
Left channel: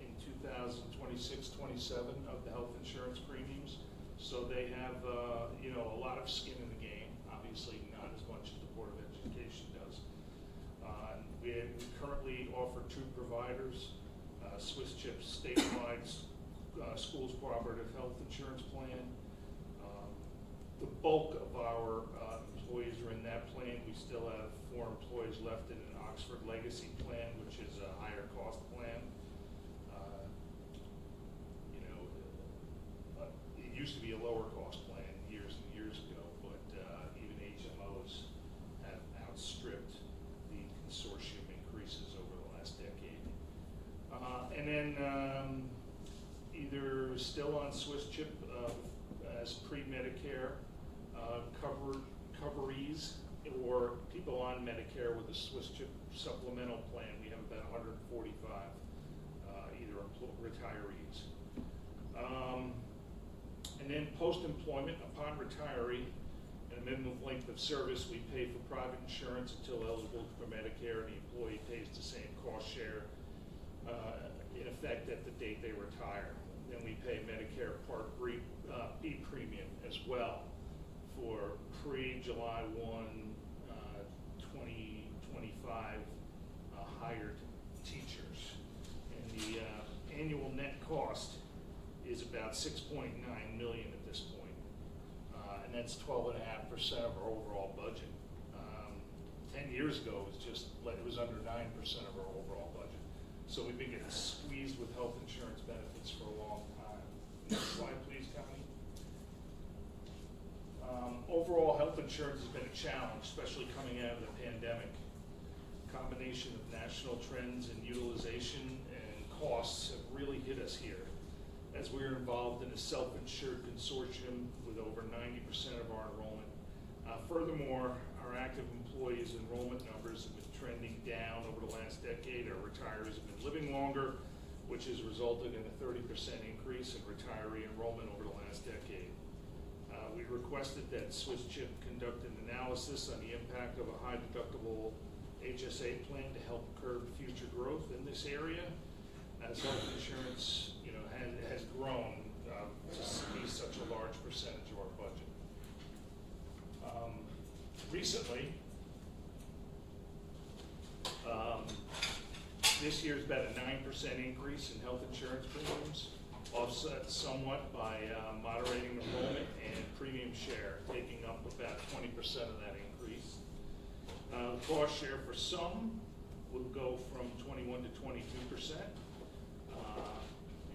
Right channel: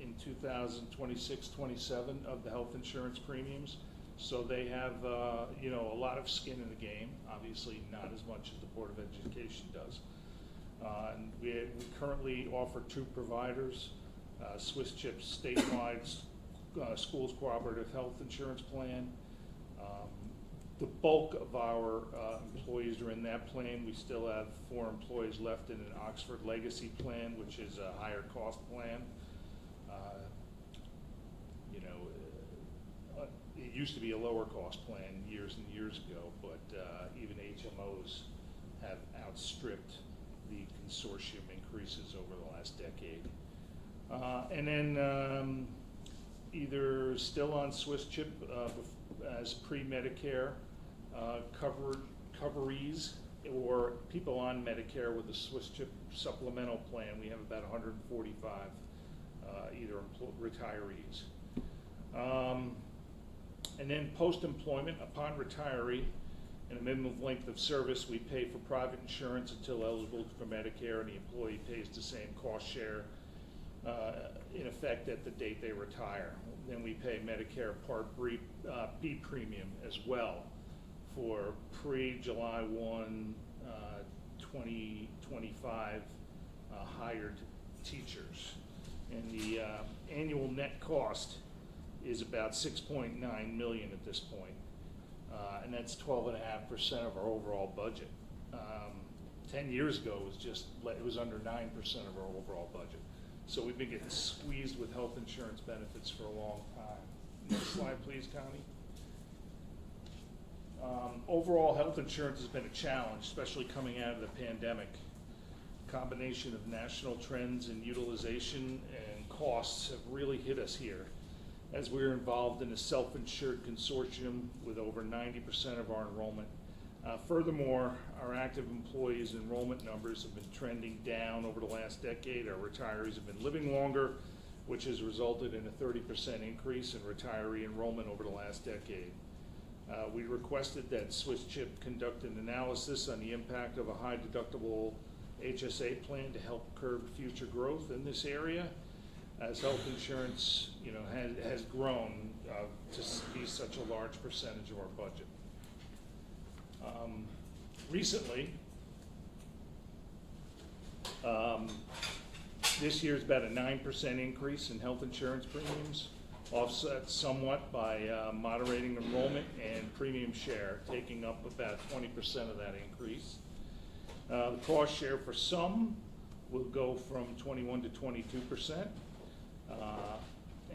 in 2026-27 of the health insurance premiums, so they have a lot of skin in the game. Obviously, not as much as the Board of Education does. And we currently offer 2 providers: Swiss Chip's statewide schools cooperative health insurance plan. The bulk of our employees are in that plan. We still have 4 employees left in an Oxford Legacy plan, which is a higher cost plan. It used to be a lower cost plan years and years ago, but even HMOs have outstripped the consortium increases over the last decade. And then either still on Swiss Chip as pre-Medicare coverees, or people on Medicare with a Swiss Chip supplemental plan. We have about 145 either retirees. And then post-employment, upon retiree and a minimum length of service, we pay for private insurance until eligible for Medicare, and the employee pays the same cost share in effect at the date they retire. Then we pay Medicare Part B premium as well for pre-July 1, 2025 hired teachers. And the annual net cost is about $6.9 million at this point. And that's 12.5% of our overall budget. 10 years ago, it was under 9% of our overall budget. So we've been getting squeezed with health insurance benefits for a long time. Next slide, please, Connie. Overall, health insurance has been a challenge, especially coming out of the pandemic. Combination of national trends in utilization and costs have really hit us here, as we're involved in a self-insured consortium with over 90% of our enrollment. Furthermore, our active employees enrollment numbers have been trending down over the last decade. Our retirees have been living longer, which has resulted in a 30% increase in retiree enrollment over the last decade. We requested that Swiss Chip conduct an analysis on the impact of a high deductible HSA plan to help curb future growth in this area, as health insurance has grown to be such a large percentage of our budget. Recently, this year's about a 9% increase in health insurance premiums, offset somewhat by moderating enrollment and premium share, taking up about 20% of that increase. The cost share for some will go from 21 to 22%.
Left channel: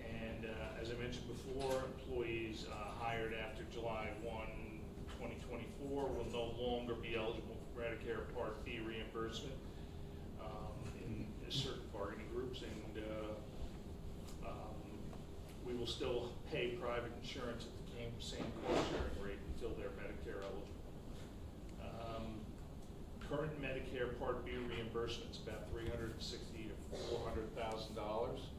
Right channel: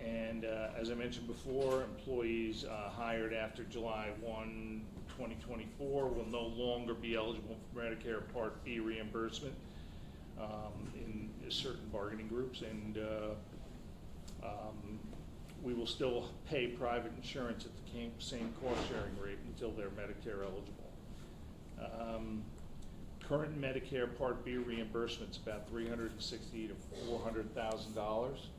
And as I mentioned before, employees hired after July 1, 2024 will no longer be eligible for Medicare Part B reimbursement in certain bargaining groups, and we will still pay private insurance at the same cost sharing rate until they're Medicare eligible. Current Medicare Part B reimbursement is about $360,000 to $400,000.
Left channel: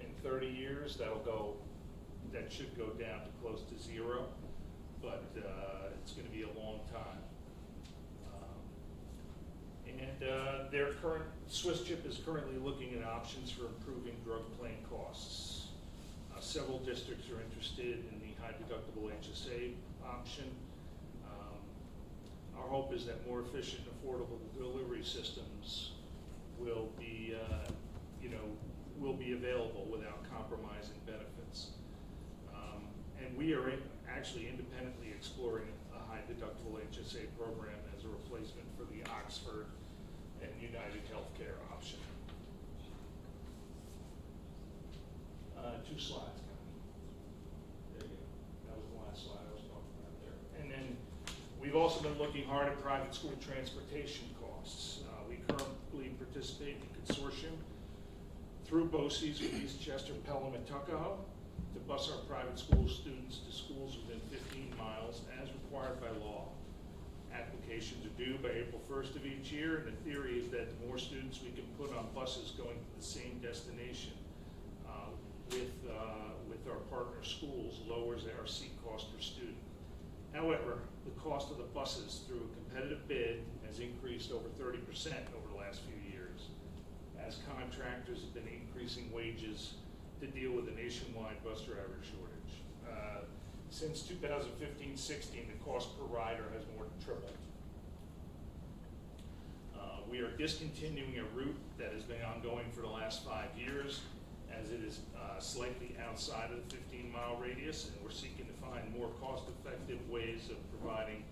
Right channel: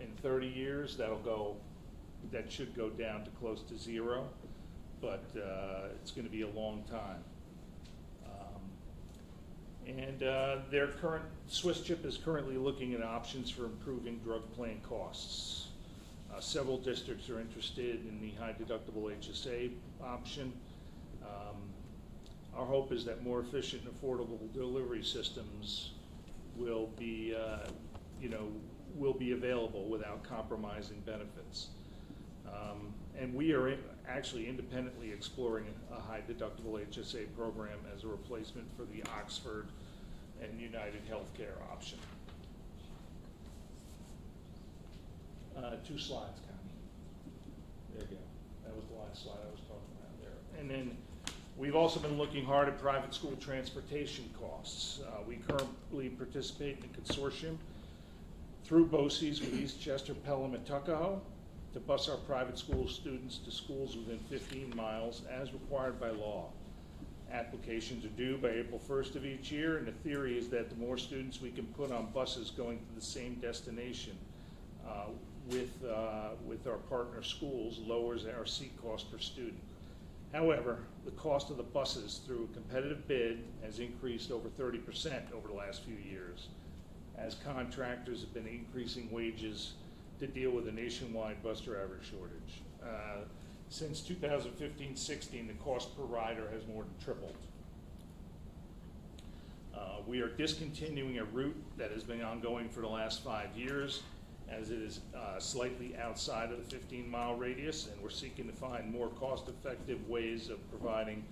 In 30 years, that should go down to close to zero, but it's going to be a long time. Swiss Chip is currently looking at options for improving drug plan costs. Several districts are interested in the high deductible HSA option. Our hope is that more efficient and affordable delivery systems will be available without compromising benefits. And we are actually independently exploring a high deductible HSA program as a replacement for the Oxford and United Healthcare option. 2 slides, Connie. There you go. That was the last slide I was talking about there. And then we We've also been looking hard at private school transportation costs. We currently participate in a consortium through BOCES with Eastchester, Pelham, and Tuckahoe to bus our private school students to schools within 15 miles as required by law. Applications are due by April 1st of each year, and the theory is that the more students we can put on buses going to the same destination with our partner schools lowers our seat cost per student. However, the cost of the buses through a competitive bid has increased over 30% over the last few years, as contractors have been increasing wages to deal with a nationwide bus driver shortage. Since 2015-16, the cost per rider has more than tripled. We are discontinuing a route that has been ongoing for the last 5 years, as it is slightly outside of the 15-mile radius, and we're seeking to find more cost-effective ways of providing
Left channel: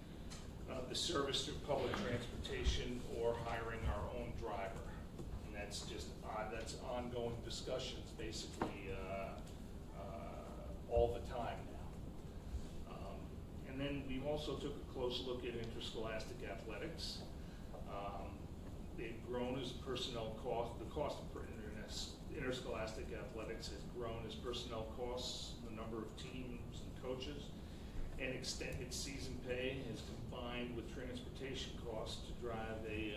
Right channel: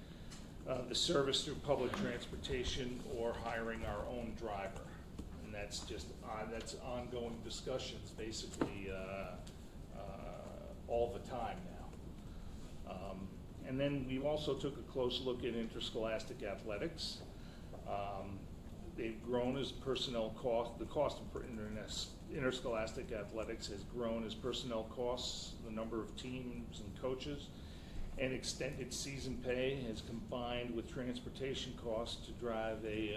the service through public transportation or hiring our own driver. And that's just that's ongoing discussions, basically all the time now. And then we also took a close look at interscholastic athletics. They've grown as personnel cost. The cost of interscholastic athletics has grown as personnel costs, the number of teams and coaches, and extended season pay has combined with transportation costs to drive a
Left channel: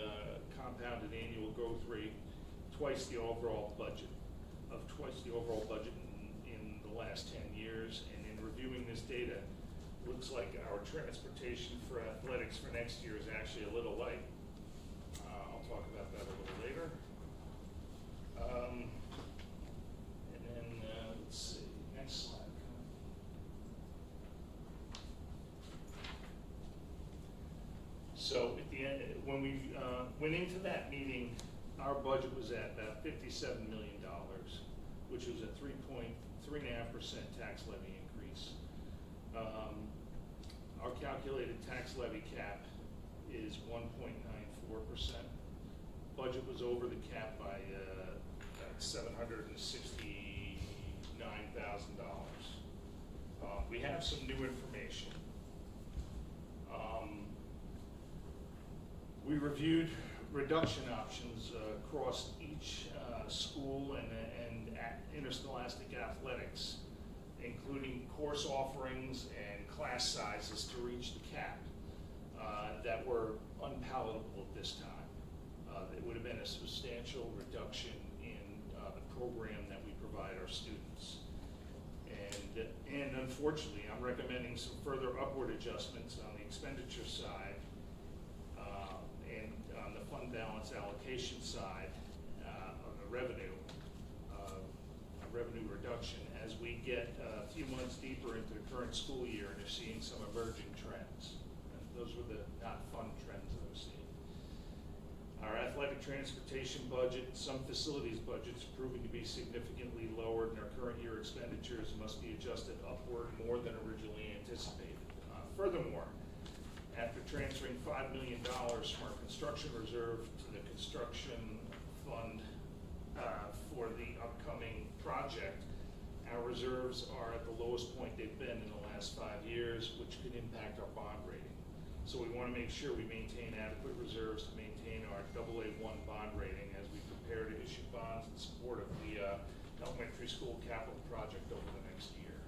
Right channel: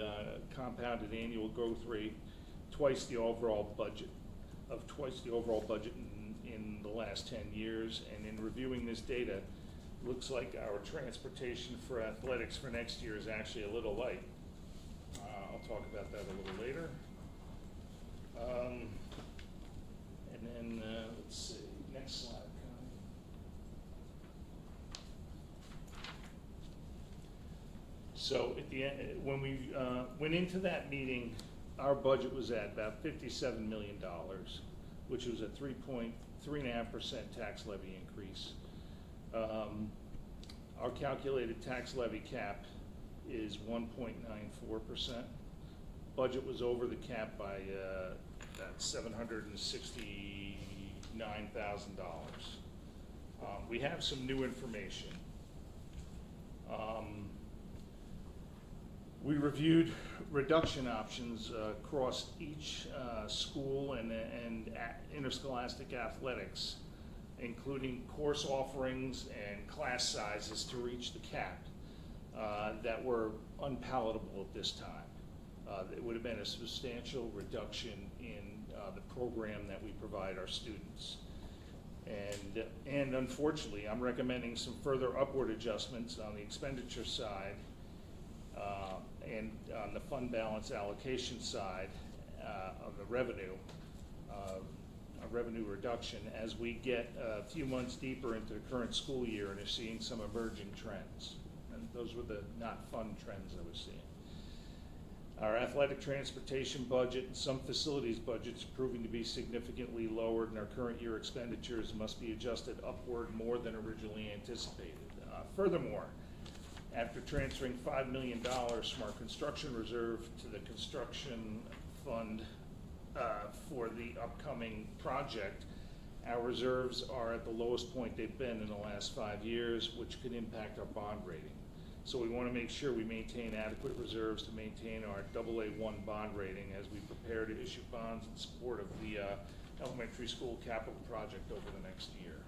compounded annual growth rate twice the overall budget in the last 10 years. And in reviewing this data, it looks like our transportation for athletics for next year is actually a little light. I'll talk about that a little later. And then let's see, next slide. So at the end, when we went into that meeting, our budget was at about $57 million, which was a 3.5% tax levy increase. Our calculated tax levy cap is 1.94%. Budget was over the cap by $769,000. We have some new information. We reviewed reduction options across each school and interscholastic athletics, including course offerings and class sizes to reach the cap that were unpalatable at this time. It would have been a substantial reduction in the program that we provide our students. And unfortunately, I'm recommending some further upward adjustments on the expenditure side and on the fund balance allocation side of the revenue reduction as we get a few months deeper into the current school year and are seeing some emerging trends. And those were the not fun trends that we're seeing. Our athletic transportation budget and some facilities budgets proving to be significantly lower than our current year expenditures must be adjusted upward more than originally anticipated. Furthermore, after transferring $5 million from our construction reserve to the construction fund for the upcoming project, our reserves are at the lowest point they've been in the last 5 years, which could impact our bond rating. So we want to make sure we maintain adequate reserves to maintain our AA1 bond rating as we prepare to issue bonds in support of the elementary school capital project over the next year.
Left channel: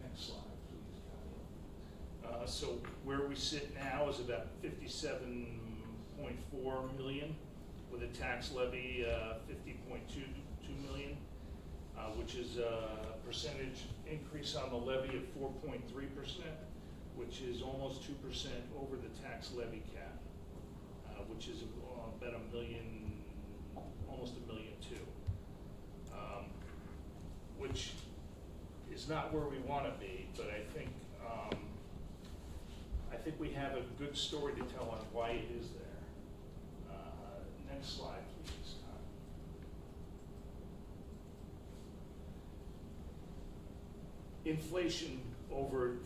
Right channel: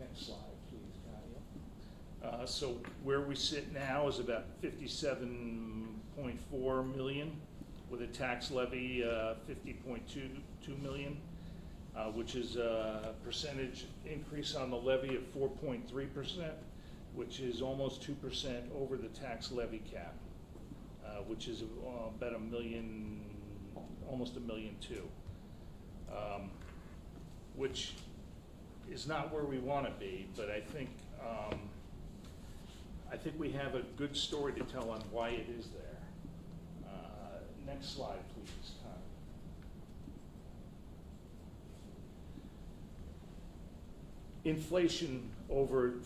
Next slide, please, Nadia. So where we sit now is about $57.4 million, with a tax levy $50.22 million, which is a percentage increase on the levy of 4.3%. Which is almost 2% over the tax levy cap, which is about almost $1.2 million, which is not where we want to be. But I think we have a good story to tell on why it is there. Next slide, please. Inflation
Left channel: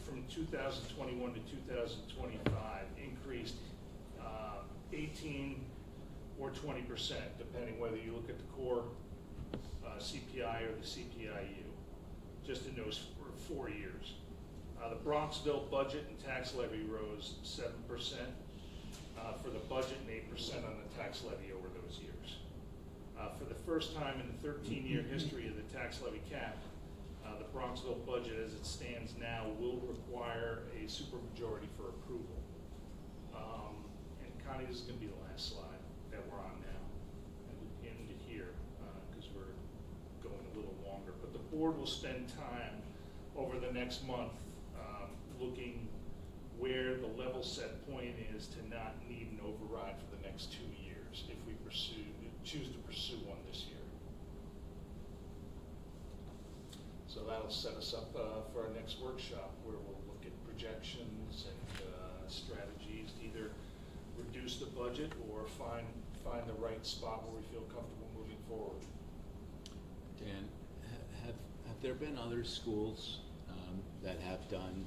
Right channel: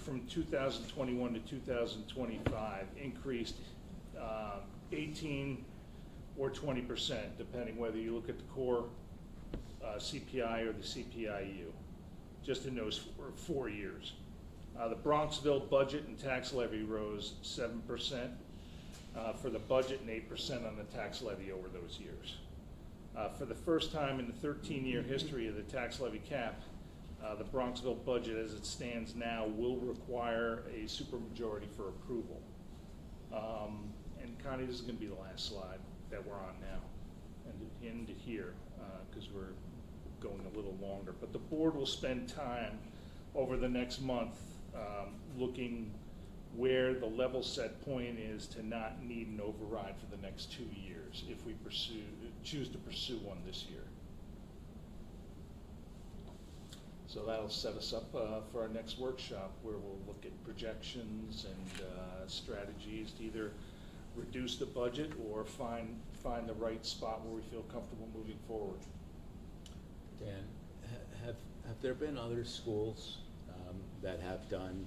from 2021 to 2025 increased 18 or 20%, depending whether you look at the core CPI or the CPIU, just in those 4 years. The Bronxville budget and tax levy rose 7% for the budget and 8% on the tax levy over those years. For the first time in the 13-year history of the tax levy cap, the Bronxville budget as it stands now will require a supermajority for approval. And Connie, this is going to be the last slide that we're on now, and into here, because we're going a little longer. But the board will spend time over the next month looking where the level set point is to not need an override for the next 2 years if we choose to pursue one this year. So that'll set us up for our next workshop, where we'll look at projections and strategies to either reduce the budget or find the right spot where we feel comfortable moving forward. Dan, have there been other schools that have done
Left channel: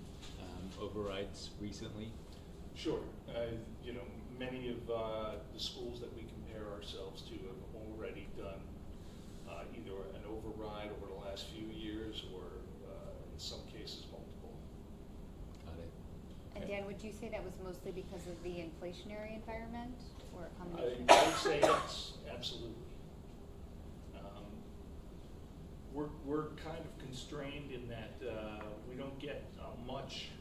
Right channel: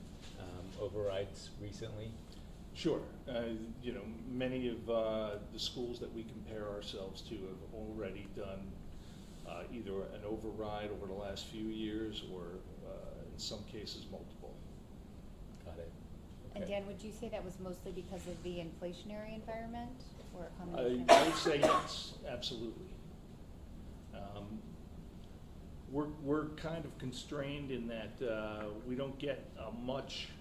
overrides recently? Sure. Many of the schools that we compare ourselves to have already done either an override over the last few years or in some cases multiple. Got it. And Dan, would you say that was mostly because of the inflationary environment, or a I combination? would say yes, absolutely. We're kind of constrained in that we don't get much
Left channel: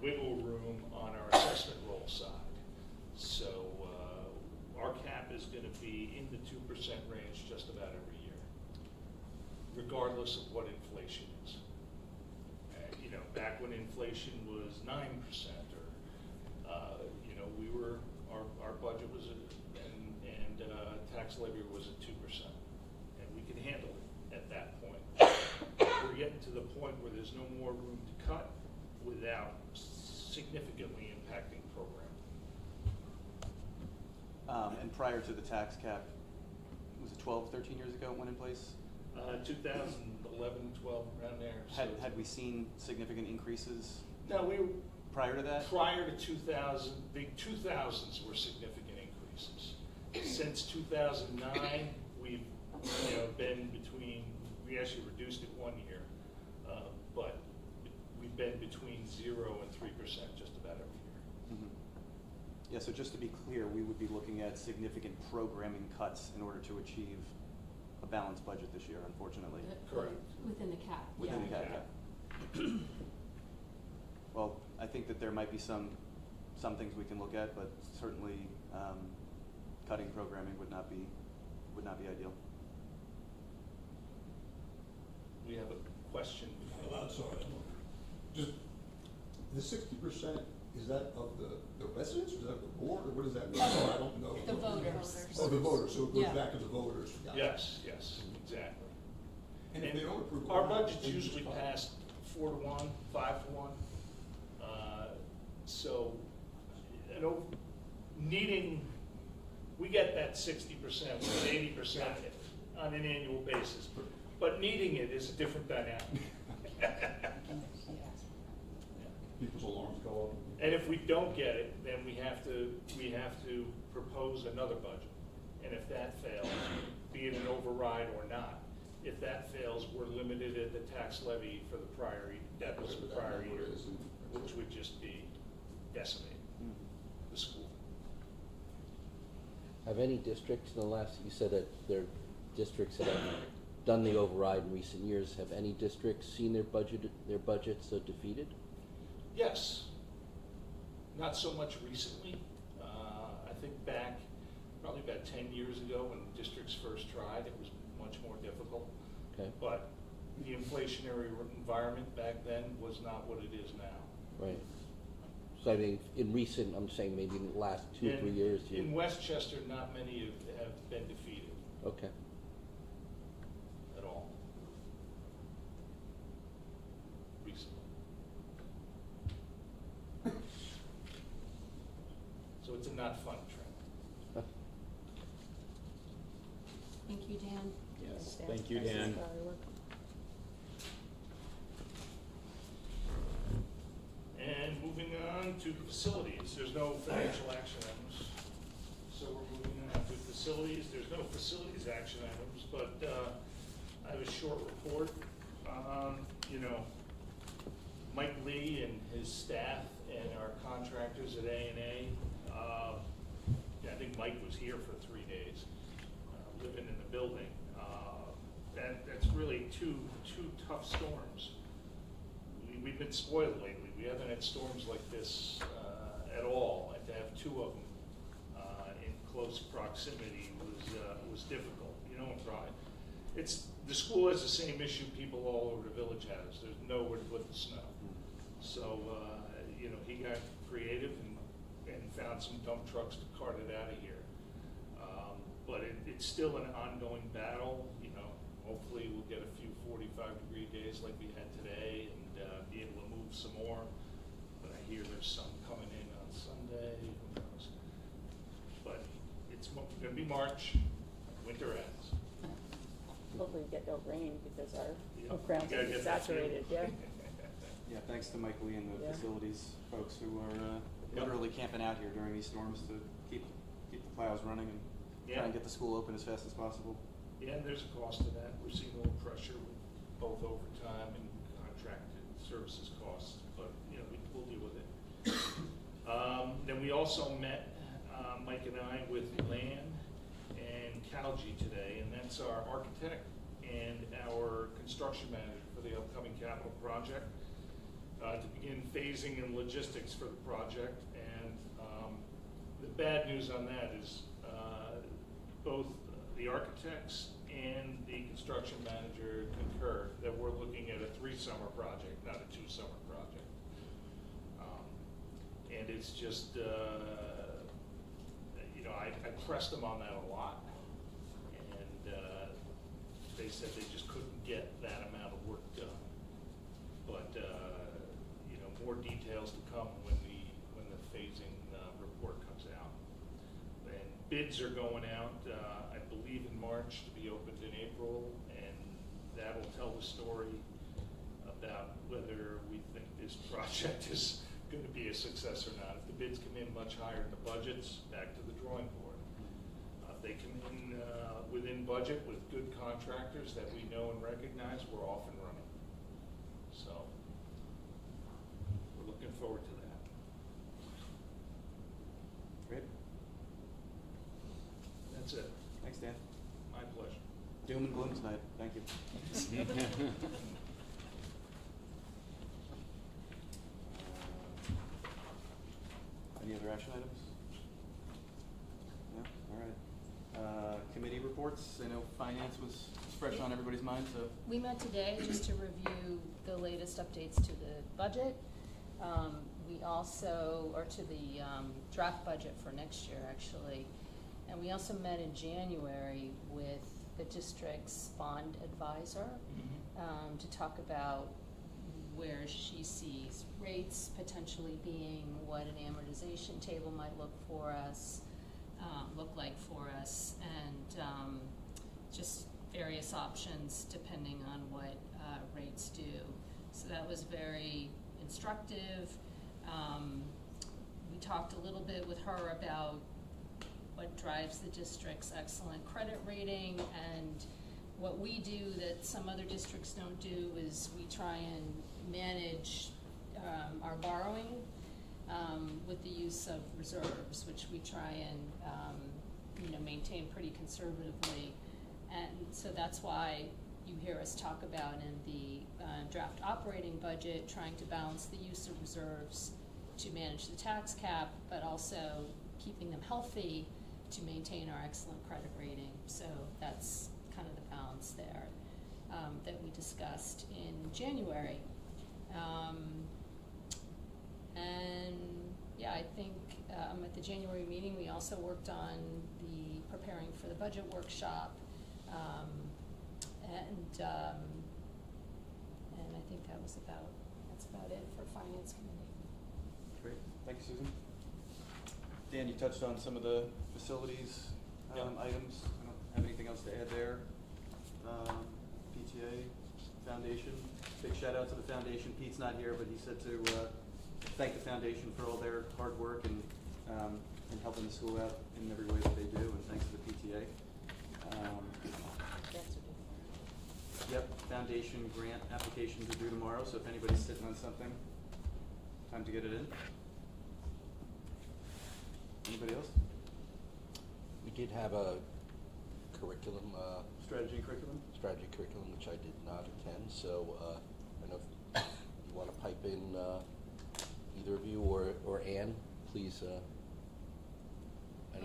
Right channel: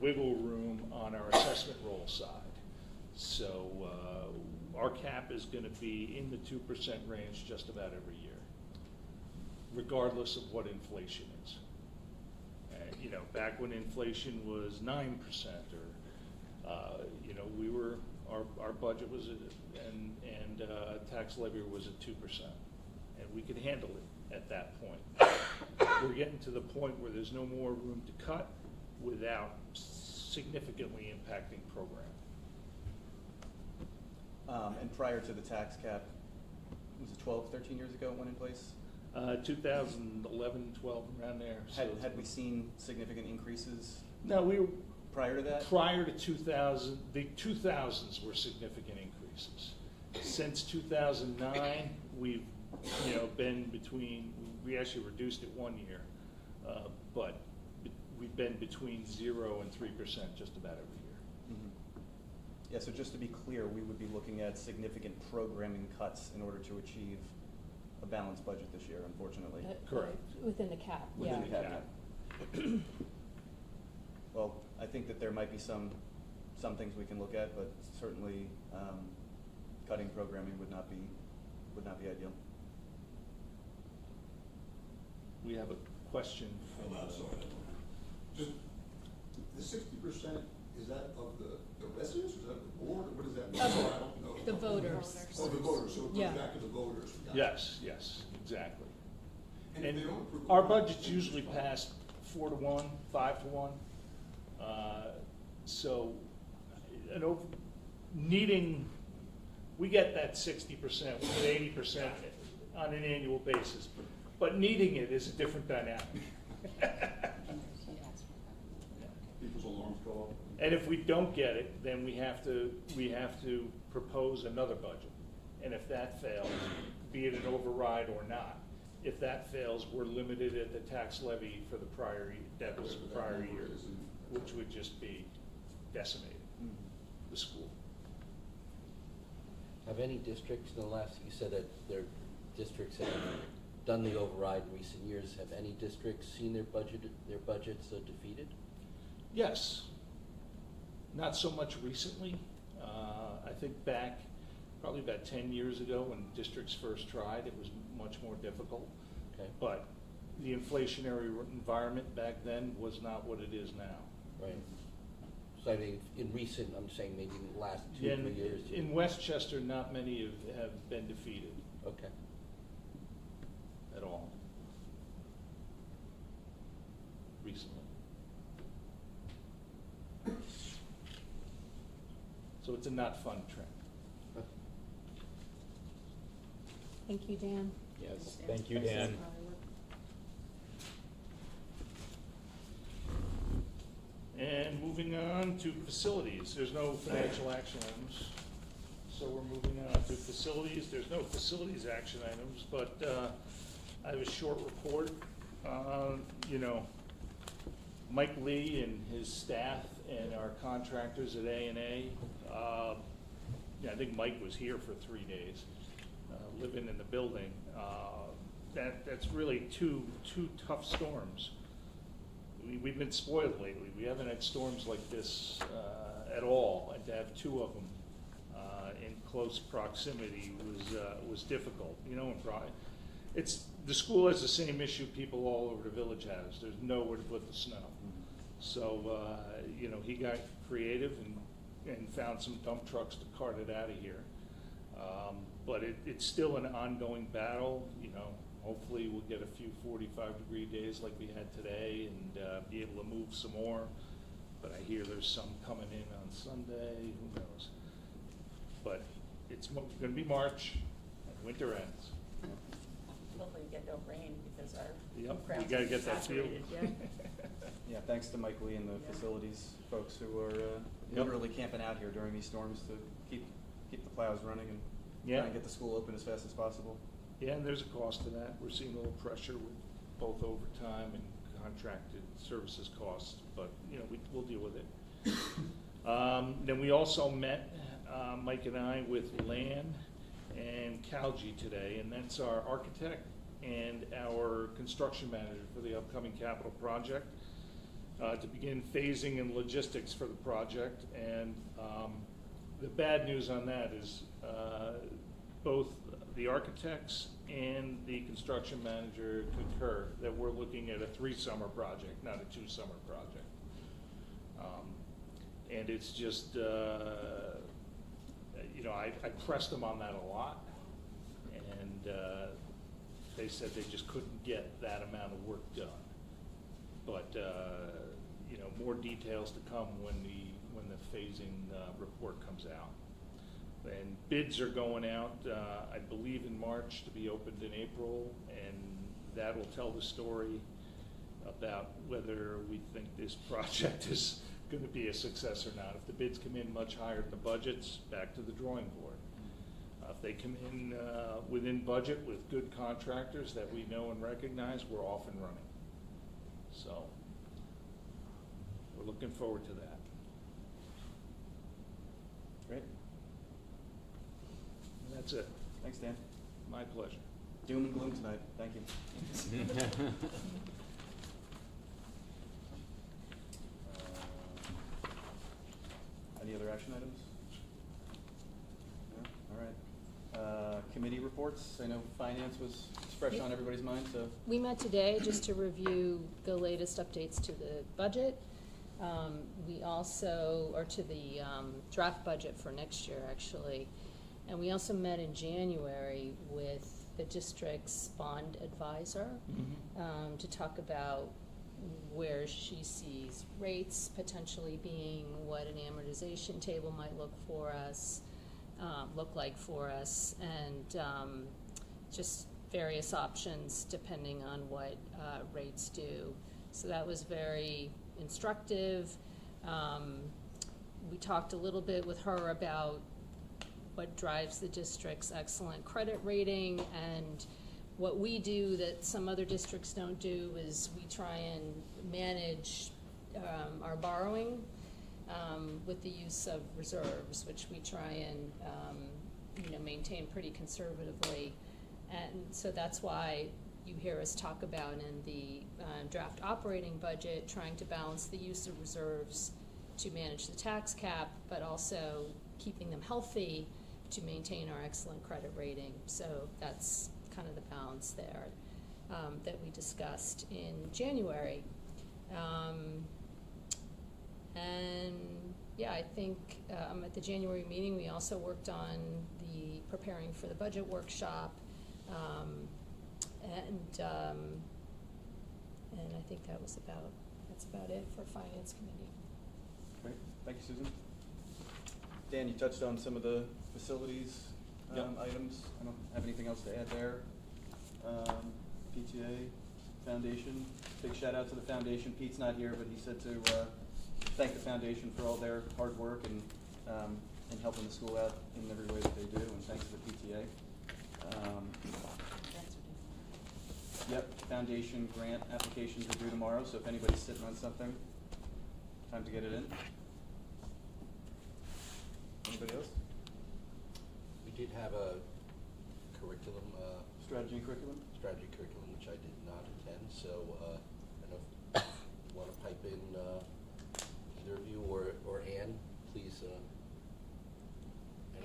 wiggle room on our assessment roll side. So our cap is going to be in the 2% range just about every year, regardless of what inflation is. Back when inflation was 9%, or we were our budget was and tax levy was at 2%, and we could handle it at that point. We're getting to the point where there's no more room to cut without significantly impacting program. And prior to the tax cap, was it 12, 13 years ago it went in place? 2011, 12, around there. Had we seen significant increases? No, we were prior to that. Prior to 2000, the 2000s were significant increases. Since 2009, we've been between. We actually reduced it 1 year, but we've been between 0 and 3% just about every year. Mm-hmm. Yeah. So just to be clear, we would be looking at significant programming cuts in order to achieve a balanced budget this year, unfortunately. Correct. Within the cap. Within Yeah. the cap. Well, I think that there might be some things we can look at, but certainly cutting programming would not be ideal. We have a question. Sorry. Just the 60%, is that of the residents, or is that of the board, or what does that mean? I don't know. The voters. Oh, the voters, so it goes Yeah. back to the voters. Yes, exactly. And if they don't approve our it, budget's then usually it's fine. passed 4-1, 5-1. So, we get that 60%, we get 80% on an annual basis, but needing it is a different dynamic. People's alarms go off. And if we don't get it, then we have to propose another budget. And if that fails, be it an override or not, if that fails, we're limited at the tax levy for the prior year, which would just be decimated the school. Have any districts in the last, you said that there are districts that have done the override in recent years, have any districts seen their budgets defeated? Yes. Not so much recently. I think back probably about 10 years ago when districts first tried, it was much more difficult. Okay. But the inflationary environment back then was not what it is now. Right. So I mean, in recent, I'm saying maybe in the last 2 or 3 years. In Westchester, not many have been defeated. Okay. At all. Recently. So it's a not fun trend. Thank you, Dan. Yes, thank you, Dan. And moving on to facilities, there's no financial action items. So we're moving on to facilities. There's no facilities action items, but I have a short report. Mike Lee and his staff and our contractors at A&A. Yeah, I think Mike was here for 3 days, living in the building. That's really two tough storms. We've been spoiled lately. We haven't had storms like this at all, and to have two of them in close proximity was difficult. You know, the school has the same issue people all over the village has. There's nowhere to put the snow. So, you know, he got creative and found some dump trucks to cart it out of here. But it's still an ongoing battle. You know, hopefully we'll get a few 45-degree days like we had today and be able to move some more. But I hear there's some coming in on Sunday. Who knows? But it's going to be March. Winter ends. Hopefully we get no rain because our Yep, ground's you gotta get that saturated, field. yeah. Yeah, thanks to Mike Lee and the Yeah. facilities folks who are literally camping out here during these storms to keep the plows running and try and get the school open as fast as possible. Yeah, and there's a cost to that. We're seeing a little pressure with both overtime and contracted services costs, but you know, we'll deal with it. Then we also met, Mike and I, with Land and Calgi today, and that's our architect and our construction manager for the upcoming capital project, to begin phasing and logistics for the project. And the bad news on that is both the architects and the construction manager concur that we're looking at a 3-summer project, not a 2-summer project. And it's just, you know, I pressed them on that a lot, and they said they just couldn't get that amount of work done. But you know, more details to come when the phasing report comes out. And bids are going out, I believe, in March to be opened in April, and that will tell the story about whether we think this project is going to be a success or not. If the bids come in much higher than the budgets, back to the drawing board. If they come in within budget with good contractors that we know and recognize, we're off and running. So we're looking forward to that. Great. That's it. Thanks, Dan. My pleasure. Doom and gloom tonight. Thank you. Any other action items? No? All right. Committee reports. I know finance was fresh on everybody's mind, so. We met today just to review the latest updates to the budget. We also, or to the draft budget for next year, actually. And we also met in January with the district's bond advisor to talk about where she sees rates potentially being, what an amortization table might look like for us, and just various options depending on what rates do. So that was very instructive. We talked a little bit with her about what drives the district's excellent credit rating, and what we do that some other districts don't do is we try and manage our borrowing with the use of reserves, which we try and maintain pretty conservatively. And so that's why you hear us talk about in the draft operating budget trying to balance the use of reserves to manage the tax cap, but also keeping them healthy to maintain our excellent credit rating. So that's kind of the balance there that we discussed in January. And yeah, I think at the January meeting we also worked on the preparing for the budget workshop, and I think that's about it for Finance Committee. Great, thank you, Susan. Dan, you touched on some of the facilities items. I don't have anything else to add there. PTA, Foundation, big shout out to the Foundation. Pete's not here, but he said to thank the Foundation for all their hard work and helping the school out in every way that they do, and thanks to the PTA. Yep, foundation grant applications are due tomorrow, so if anybody's sitting on something, time to get it in. Anybody else? We did have a curriculum, Strategy and curriculum? strategy curriculum, which I did not attend, so, I don't know if you wanna pipe in, either of you or Ann, please,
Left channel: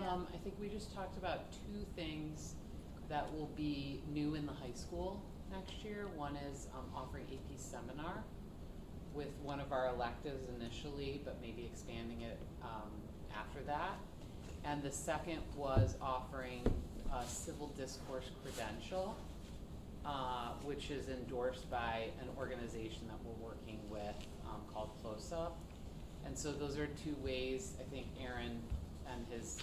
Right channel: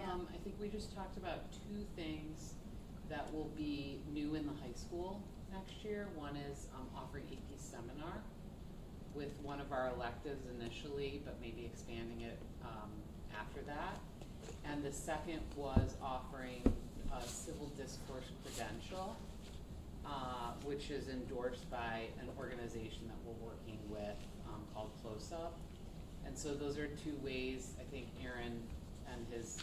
I think we just talked about two things that will be new in the high school next year. One is offering AP seminar with one of our electives initially, but maybe expanding it after that. And the second was offering a civil discourse credential, which is endorsed by an organization that we're working with called Close Up. And so those are two ways I think Aaron and his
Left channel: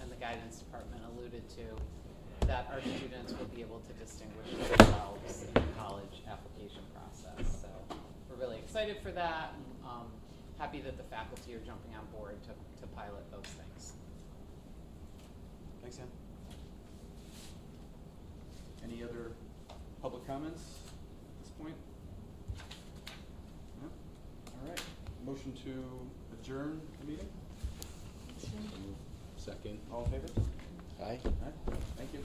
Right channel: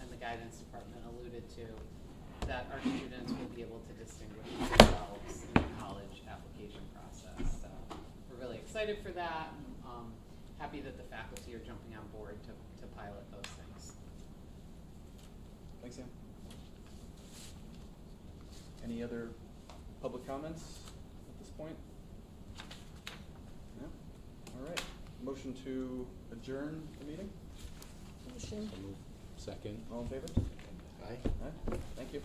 and the guidance department alluded to that our students will be able to distinguish themselves in the college application process. So we're really excited for that, and happy that the faculty are jumping on board to pilot those things. Thanks, Sam. Any other public comments at this point? No? All right. Motion to adjourn the meeting? Second. All in favor? Aye. Aye. Thank you.